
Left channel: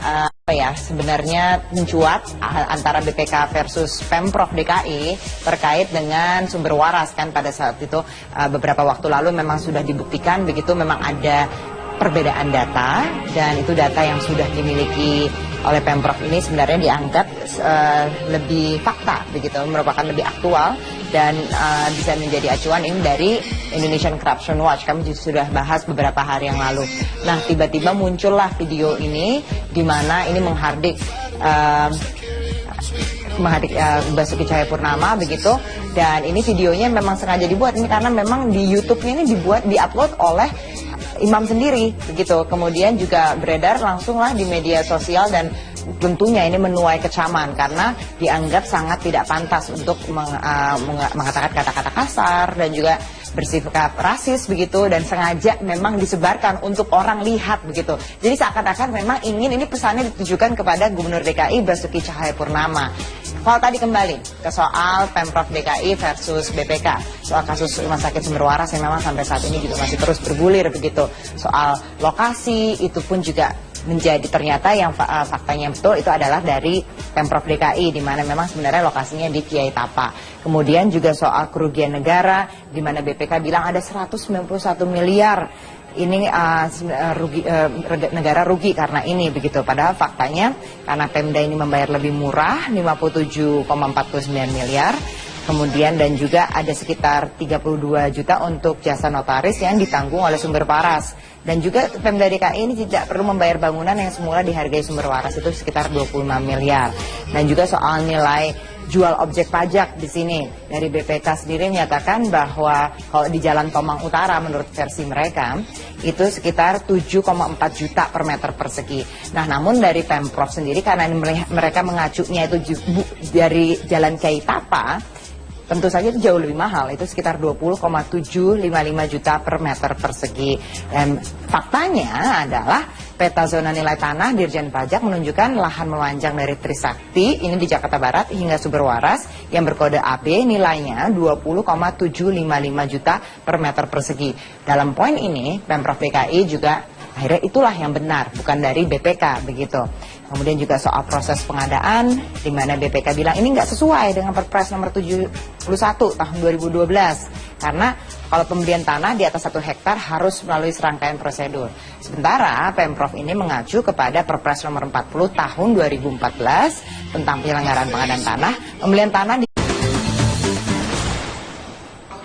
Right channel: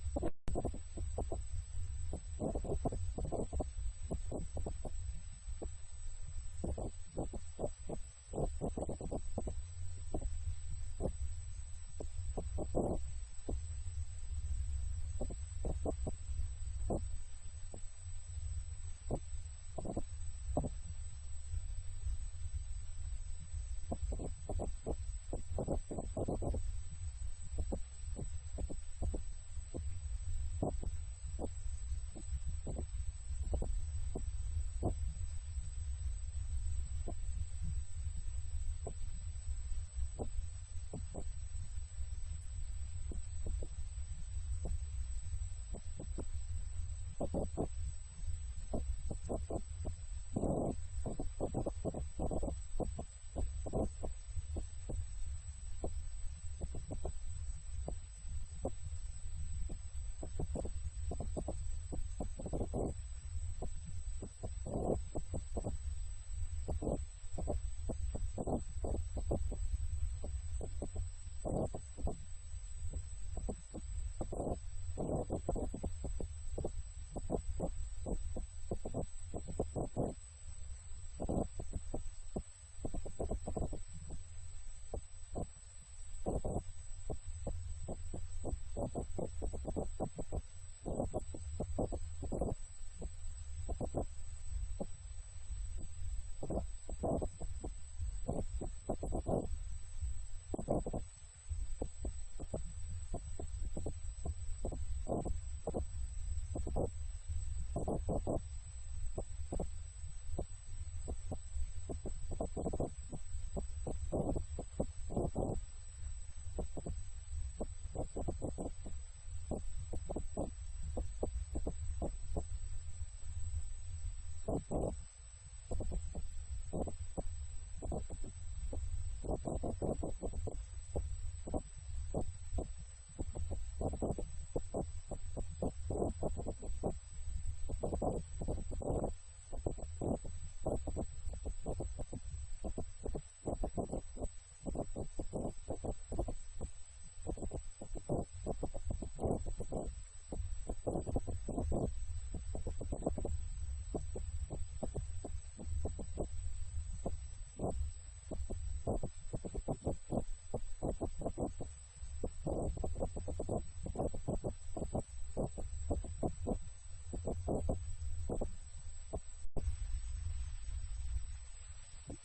sebenarnya mencuat antara BPK versus Pemprov DKI terkait dengan Sumber Waras kan. Pada saat itu beberapa waktu lalu memang sudah dibuktikan begitu, memang ada perbedaan data, dan itu data yang sudah dimiliki oleh Pemprov ini sebenarnya dianggap lebih fakta begitu, merupakan lebih aktual dan bisa menjadi acuan ini dari Indonesian Corruption Watch. Kami sudah bahas beberapa hari yang lalu. Nah, tiba-tiba muncullah video ini di mana ini menghardik Basuki Cahayapurnama begitu, dan ini videonya memang sengaja dibuat ini karena memang di YouTube-nya ini diupload oleh Imam sendiri begitu. Kemudian juga beredar langsunglah di media sosial, dan tentunya ini menuai kecaman karena dianggap sangat tidak pantas untuk mengatakan kata-kata kasar dan juga bersikap rasis begitu, dan sengaja memang disebarkan untuk orang lihat begitu. Jadi seakan-akan memang ingin ini pesannya ditujukan kepada Gubernur DKI Basuki Cahayapurnama. Kalau tadi kembali ke soal Pemprov DKI versus BPK, soal kasus Rumah Sakit Sumber Waras yang memang sampai saat ini juga masih terus bergulir begitu. Soal lokasi itu pun juga menjadi ternyata yang faktanya betul itu adalah dari Pemprov DKI, di mana memang sebenarnya lokasinya di Kiai Tapa. Kemudian juga soal kerugian negara, di mana BPK bilang ada 191 miliar ini negara rugi karena ini begitu. Padahal faktanya karena Pemda ini membayar lebih murah 57,49 miliar. Kemudian dan juga ada sekitar 32 juta untuk jasa notaris yang ditanggung oleh sumber waras. Dan juga Pemda DKI ini tidak perlu membayar bangunan yang semula dihargai sumber waras itu sekitar 25 miliar. Dan juga soal nilai jual objek pajak di sini dari BPK sendiri menyatakan bahwa kalau di Jalan Tomang Utara menurut versi mereka itu sekitar 7,4 juta per meter persegi. Nah, namun dari Pemprov sendiri karena mereka mengacunya itu dari Jalan Kiai Tapa, tentu saja itu jauh lebih mahal, itu sekitar 20,755 juta per meter persegi. Dan faktanya adalah peta zona nilai tanah Dirjen Pajak menunjukkan lahan memanjang dari Trisakti, ini di Jakarta Barat, hingga Sumber Waras yang berkode AB nilainya 20,755 juta per meter persegi. Dalam poin ini, Pemprov DKI juga akhirnya itulah yang benar, bukan dari BPK begitu. Kemudian juga soal proses pengadaan, di mana BPK bilang ini nggak sesuai dengan Perpres nomor 71 tahun 2012. Karena kalau pembelian tanah di atas 1 hektar harus melalui serangkaian prosedur. Sementara Pemprov ini mengacu kepada Perpres nomor 40 tahun 2014 tentang penyelenggaraan pengadaan tanah, pembelian tanah di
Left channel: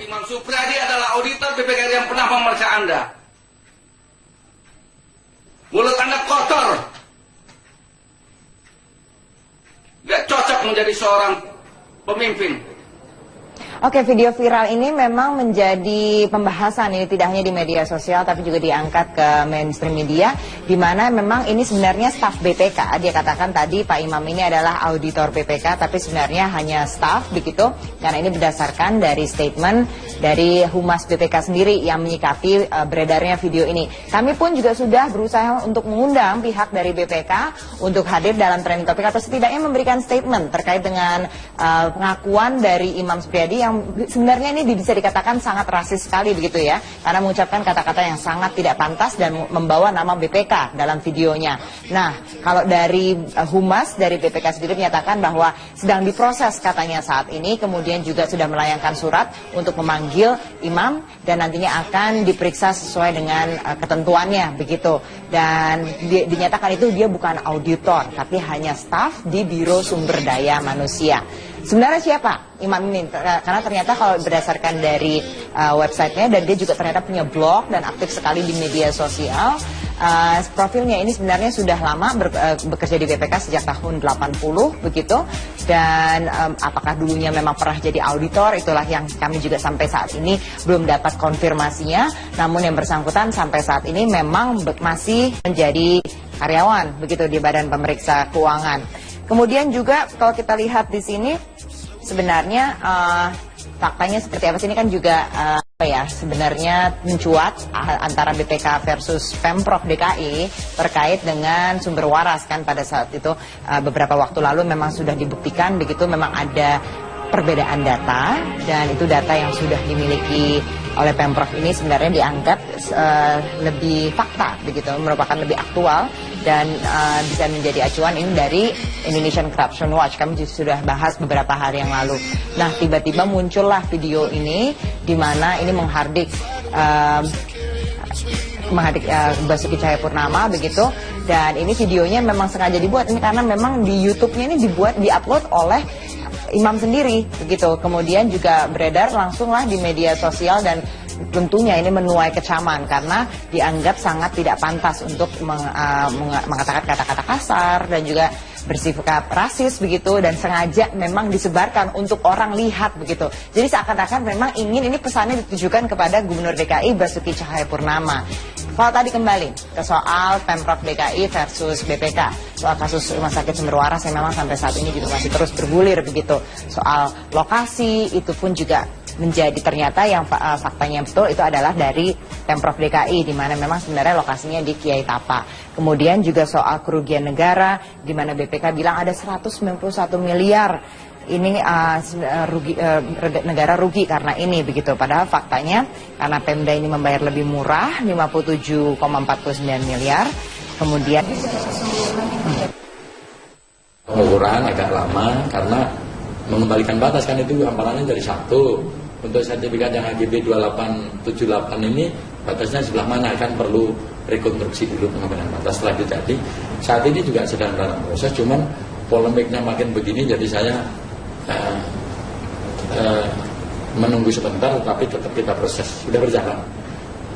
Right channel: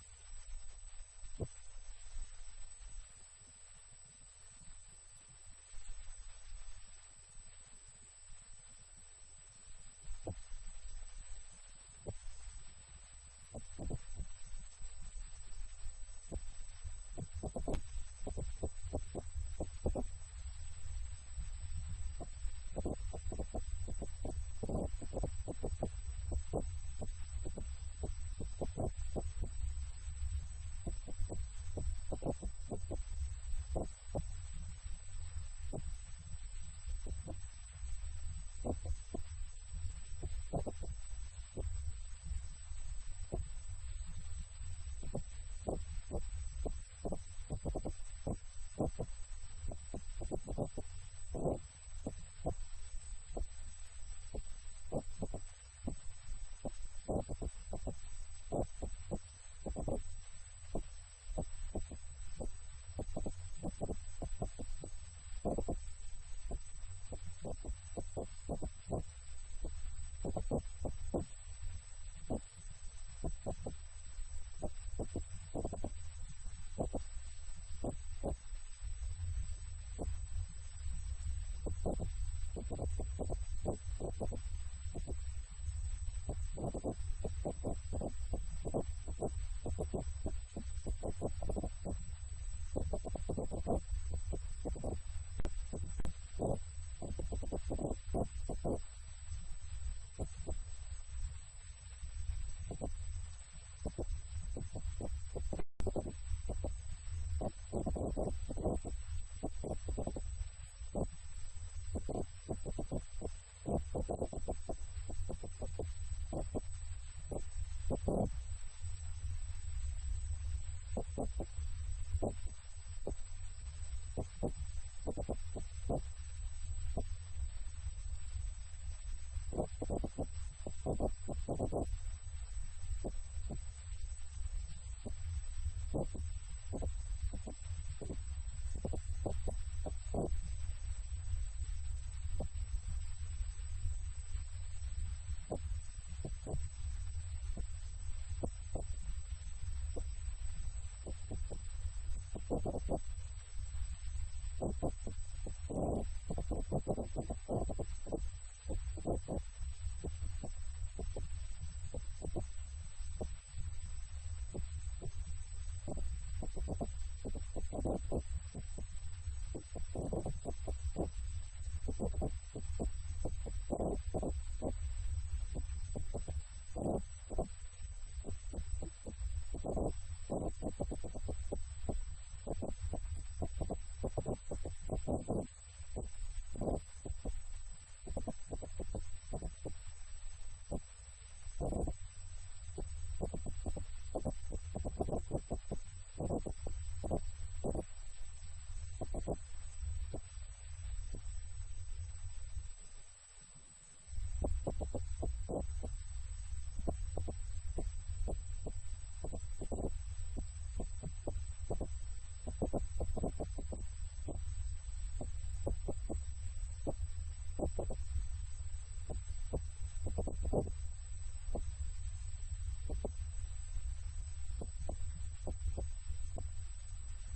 Imam Supriyadi adalah auditor BPK yang pernah memeriksa Anda. Mulut Anda kotor. Gak cocok menjadi seorang pemimpin. Oke, video viral ini memang menjadi pembahasan ini tidak hanya di media sosial tapi juga diangkat ke mainstream media, di mana memang ini sebenarnya staf BPK. Dia katakan tadi Pak Imam ini adalah auditor BPK tapi sebenarnya hanya staf begitu, karena ini berdasarkan dari statement dari Humas BPK sendiri yang menyikapi beredarnya video ini. Kami pun juga sudah berusaha untuk mengundang pihak dari BPK untuk hadir dalam trending topic atau setidaknya memberikan statement terkait dengan pengakuan dari Imam Supriyadi yang sebenarnya ini bisa dikatakan sangat rasis sekali begitu ya, karena mengucapkan kata-kata yang sangat tidak pantas dan membawa nama BPK dalam videonya. Nah, kalau dari Humas dari BPK sendiri menyatakan bahwa sedang diproses katanya saat ini, kemudian juga sudah melayangkan surat untuk memanggil Imam dan nantinya akan diperiksa sesuai dengan ketentuannya begitu. Dan dinyatakan itu dia bukan auditor tapi hanya staf di Biro Sumber Daya Manusia. Sebenarnya siapa Imam ini? Karena ternyata kalau berdasarkan dari websitenya, dan dia juga ternyata punya blog dan aktif sekali di media sosial. Profilnya ini sebenarnya sudah lama bekerja di BPK sejak tahun 80 begitu. Dan apakah dulunya memang pernah jadi auditor, itulah yang kami juga sampai saat ini belum dapat konfirmasinya. Namun yang bersangkutan sampai saat ini memang masih menjadi karyawan begitu di Badan Pemeriksa Keuangan. Kemudian juga kalau kita lihat di sini sebenarnya faktanya seperti apa sih, ini kan juga sebenarnya mencuat antara BPK versus Pemprov DKI terkait dengan sumber waras kan pada saat itu beberapa waktu lalu memang sudah dibuktikan begitu memang ada perbedaan data, dan itu data yang sudah dimiliki oleh Pemprov ini sebenarnya dianggap lebih fakta begitu, merupakan lebih aktual dan bisa menjadi acuan ini dari Indonesian Corruption Watch. Kami sudah bahas beberapa hari yang lalu. Nah, tiba-tiba muncullah video ini di mana ini menghardik Basuki Cahayapurnama begitu, dan ini videonya memang sengaja dibuat ini karena memang di YouTube-nya ini diupload oleh Imam sendiri begitu, kemudian juga beredar langsunglah di media sosial dan tentunya ini menuai kecaman karena dianggap sangat tidak pantas untuk mengatakan kata-kata kasar dan juga bersikap rasis begitu, dan sengaja memang disebarkan untuk orang lihat begitu. Jadi seakan-akan memang ingin ini pesannya ditujukan kepada Gubernur DKI Basuki Cahayapurnama. Kalau tadi kembali ke soal Pemprov DKI versus BPK, soal kasus Rumah Sakit Sumber Waras yang memang sampai saat ini juga masih terus bergulir begitu. Soal lokasi itu pun juga menjadi ternyata yang faktanya betul itu adalah dari Pemprov DKI, di mana memang sebenarnya lokasinya di Kiai Tapa. Kemudian juga soal kerugian negara, di mana BPK bilang ada 191 miliar ini negara rugi karena ini begitu. Padahal faktanya karena Pemda ini membayar lebih murah 57,49 miliar. Kemudian pengukuran agak lama karena mengembalikan batas kan itu hamparannya dari 1 untuk sertifikat yang HGB 2878 ini batasnya sebelah mana, kan perlu rekonstruksi dulu pengambilan batas selanjutnya. Jadi saat ini juga sedang dalam proses, cuman polemiknya makin begini, jadi saya menunggu sebentar, tapi tetap kita proses, sudah berjalan.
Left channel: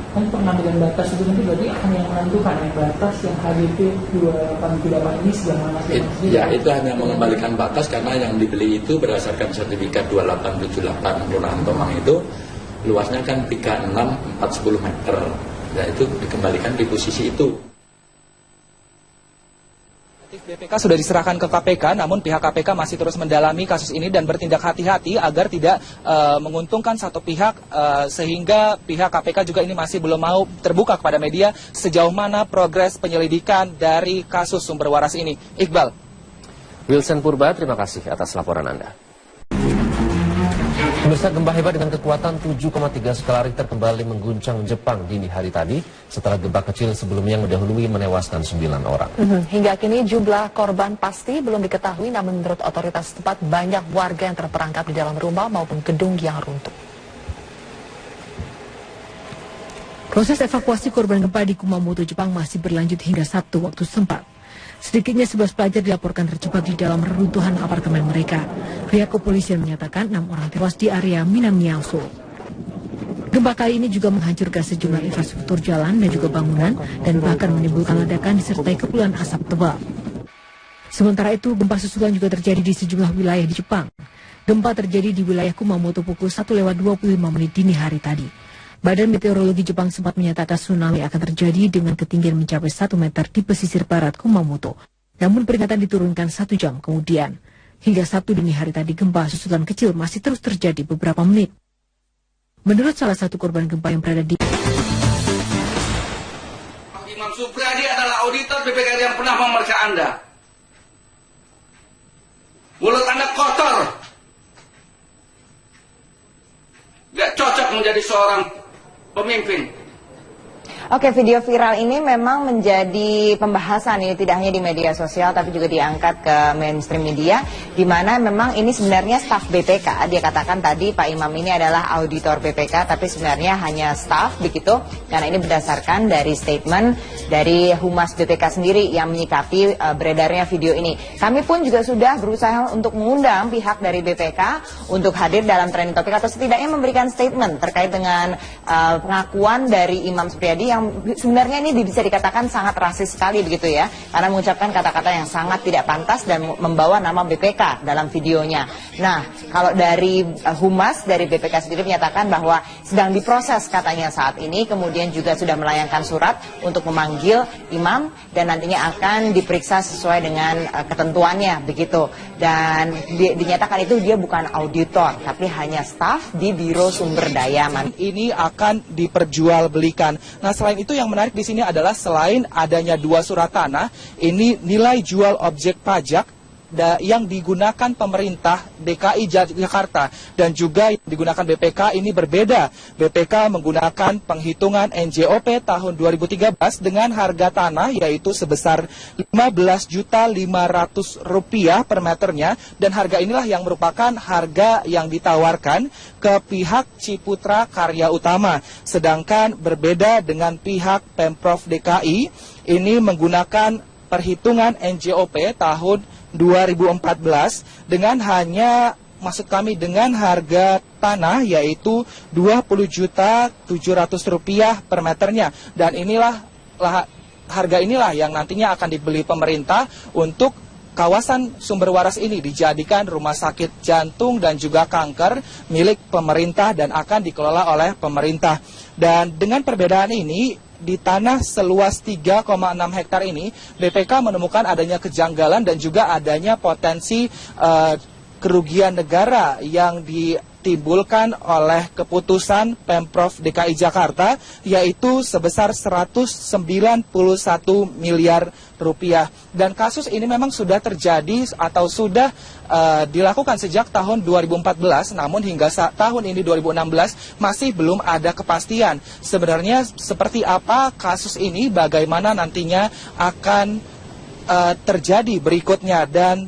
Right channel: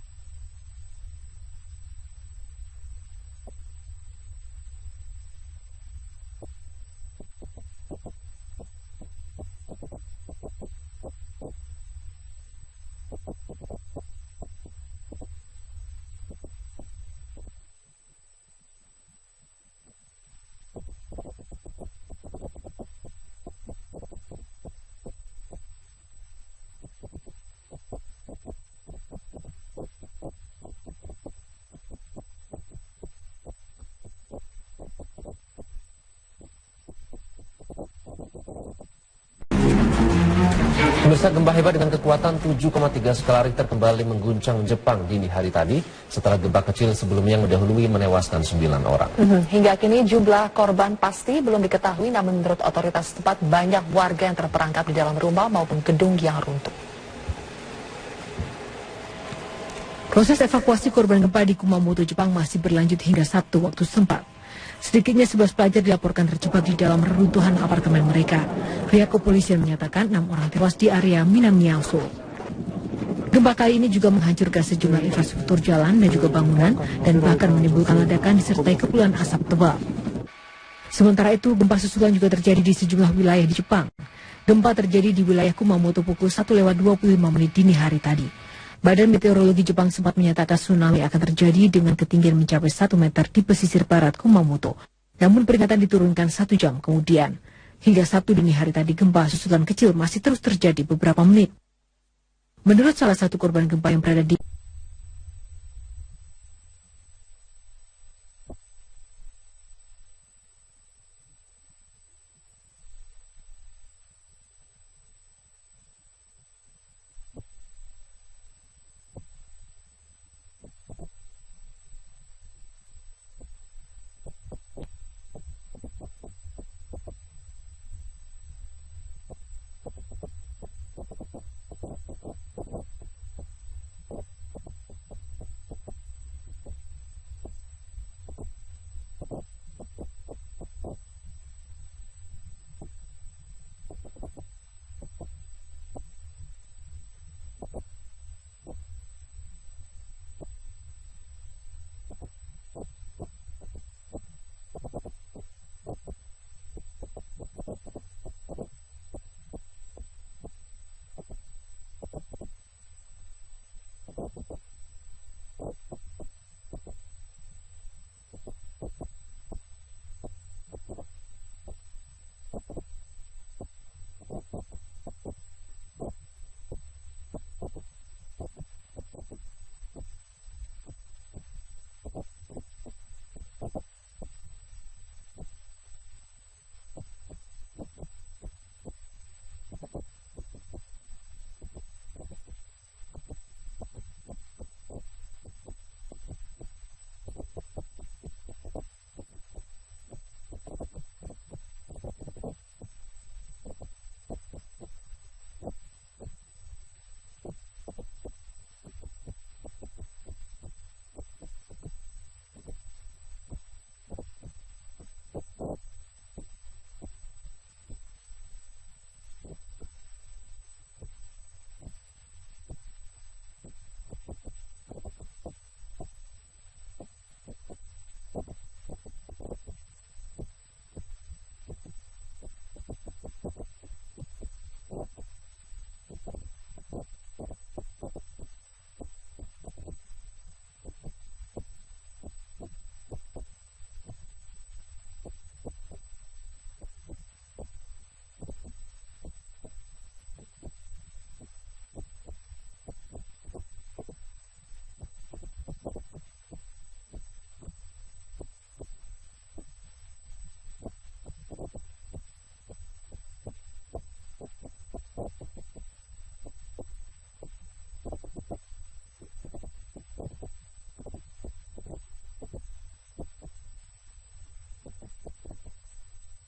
Kan pengambilan batas itu nanti berarti akan yang menentukan batas yang HGB 2878 ini sebelah mana? Ya, itu hanya mengembalikan batas karena yang dibeli itu berdasarkan sertifikat 2878 Kelurahan Tomang itu luasnya kan 36/410 meter. Ya, itu dikembalikan di posisi itu. BPK sudah diserahkan ke KPK, namun pihak KPK masih terus mendalami kasus ini dan bertindak hati-hati agar tidak menguntungkan satu pihak, sehingga pihak KPK juga ini masih belum mau terbuka kepada media sejauh mana progres penyelidikan dari kasus sumber waras ini. Iqbal. Wilson Purba, terima kasih atas laporan Anda. Pemirsa, gempa hebat dengan kekuatan 7,3 skala Richter kembali mengguncang Jepang dini hari tadi setelah gempa kecil sebelumnya mendahului menewaskan 9 orang. Hingga kini jumlah korban pasti belum diketahui, namun menurut otoritas setempat banyak warga yang terperangkap di dalam rumah maupun gedung yang runtuh. Proses evakuasi korban gempa di Kumamoto, Jepang masih berlanjut hingga Sabtu waktu setempat. Sedikitnya 11 pelajar dilaporkan terjebak di dalam reruntuhan apartemen mereka. Pihak kepolisian menyatakan 6 orang tewas di area Minamiaso. Gempa kali ini juga menghancurkan sejumlah infrastruktur jalan dan juga bangunan dan bahkan menimbulkan ledakan disertai kepulan asap tebal. Sementara itu, gempa susulan juga terjadi di sejumlah wilayah di Jepang. Gempa terjadi di wilayah Kumamoto pukul 1:25 dini hari tadi. Badan Meteorologi Jepang sempat menyatakan tsunami akan terjadi dengan ketinggian mencapai 1 meter di pesisir barat Kumamoto. Namun peringatan diturunkan 1 jam kemudian. Hingga Sabtu dini hari tadi gempa susulan kecil masih terus terjadi beberapa menit. Menurut salah satu korban gempa yang berada di Imam Supriyadi adalah auditor BPK yang pernah memeriksa Anda. Mulut Anda kotor. Gak cocok menjadi seorang pemimpin. Oke, video viral ini memang menjadi pembahasan ini tidak hanya di media sosial tapi juga diangkat ke mainstream media, di mana memang ini sebenarnya staf BPK. Dia katakan tadi Pak Imam ini adalah auditor BPK tapi sebenarnya hanya staf begitu, karena ini berdasarkan dari statement dari Humas BPK sendiri yang menyikapi beredarnya video ini. Kami pun juga sudah berusaha untuk mengundang pihak dari BPK untuk hadir dalam trending topik atau setidaknya memberikan statement terkait dengan pengakuan dari Imam Supriyadi yang sebenarnya ini bisa dikatakan sangat rasis sekali begitu ya, karena mengucapkan kata-kata yang sangat tidak pantas dan membawa nama BPK dalam videonya. Nah, kalau dari Humas dari BPK sendiri menyatakan bahwa sedang diproses katanya saat ini, kemudian juga sudah melayangkan surat untuk memanggil Imam dan nantinya akan diperiksa sesuai dengan ketentuannya begitu. Dan dinyatakan itu dia bukan auditor tapi hanya staf di Biro Sumber Daya Manusia. Ini akan diperjualbelikan. Nah, selain itu yang menarik di sini adalah selain adanya 2 surat tanah, ini nilai jual objek pajak yang digunakan pemerintah DKI Jakarta dan juga yang digunakan BPK ini berbeda. BPK menggunakan penghitungan NJOP tahun 2013 dengan harga tanah yaitu sebesar Rp15.500.000 per meternya, dan harga inilah yang merupakan harga yang ditawarkan ke pihak Ciputra Karya Utama. Sedangkan berbeda dengan pihak Pemprov DKI ini menggunakan perhitungan NJOP tahun 2014 dengan dengan harga tanah yaitu Rp20.700.000 per meternya, dan harga inilah yang nantinya akan dibeli pemerintah untuk kawasan sumber waras ini dijadikan rumah sakit jantung dan juga kanker milik pemerintah dan akan dikelola oleh pemerintah. Dan dengan perbedaan ini, di tanah seluas 3,6 hektar ini, BPK menemukan adanya kejanggalan dan juga adanya potensi kerugian negara yang ditimbulkan oleh keputusan Pemprov DKI Jakarta, yaitu sebesar Rp191 miliar. Dan kasus ini memang sudah terjadi atau sudah dilakukan sejak tahun 2014, namun hingga tahun ini 2016 masih belum ada kepastian sebenarnya seperti apa kasus ini, bagaimana nantinya akan terjadi berikutnya. Dan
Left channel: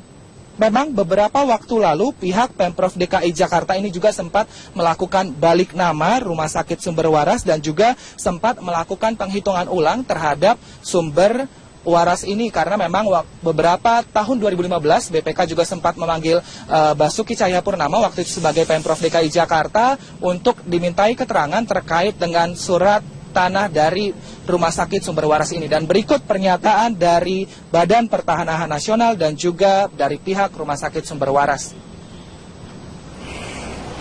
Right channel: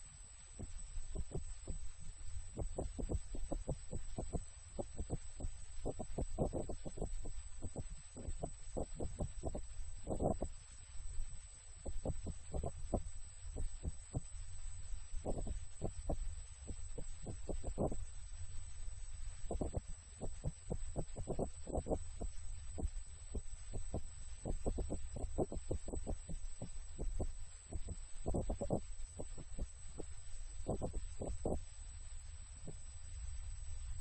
memang beberapa waktu lalu pihak Pemprov DKI Jakarta ini juga sempat melakukan balik nama Rumah Sakit Sumber Waras dan juga sempat melakukan penghitungan ulang terhadap sumber waras ini, karena memang beberapa tahun 2015 BPK juga sempat memanggil Basuki Cahayapurnama waktu itu sebagai Pemprov DKI Jakarta untuk dimintai keterangan terkait dengan surat tanah dari Rumah Sakit Sumber Waras ini. Dan berikut pernyataan dari Badan Pertanahan Nasional dan juga dari pihak Rumah Sakit Sumber Waras.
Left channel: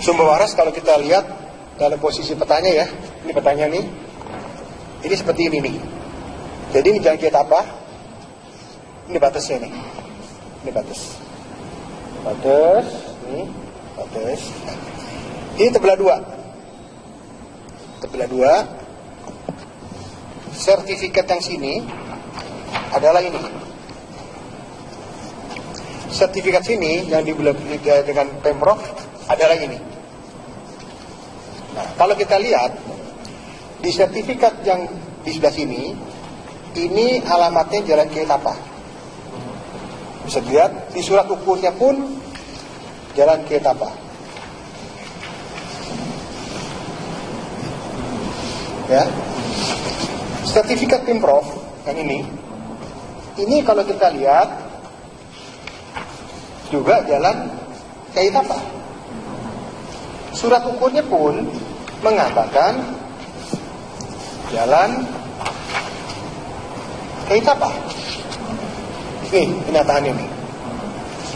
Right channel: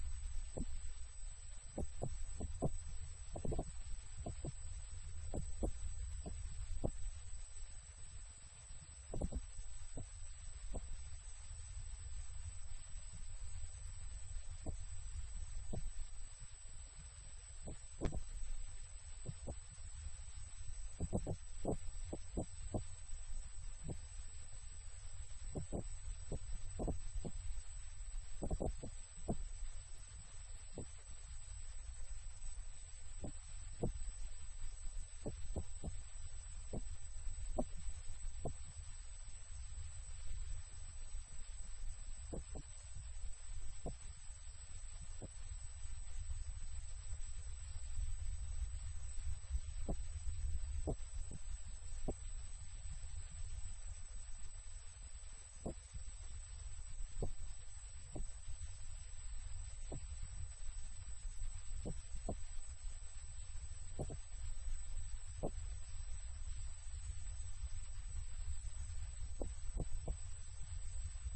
Sumber waras kalau kita lihat dalam posisi petanya ya, ini petanya nih, ini seperti ini nih. Jadi ini jalan kiat apa? Ini batasnya nih. Ini batas. Batas, ini batas. Ini terbelah dua. Terbelah dua. Sertifikat yang sini adalah ini. Sertifikat sini yang dibelah dengan Pemprov adalah ini. Nah, kalau kita lihat di sertifikat yang di sebelah sini, ini alamatnya Jalan Kiai Tapa. Bisa dilihat di surat ukurnya pun Jalan Kiai Tapa. Ya. Sertifikat Pemprov yang ini kalau kita lihat juga Jalan Kiai Tapa. Surat ukurnya pun mengatakan Jalan Kiai Tapa. Nih, kenyataan ini.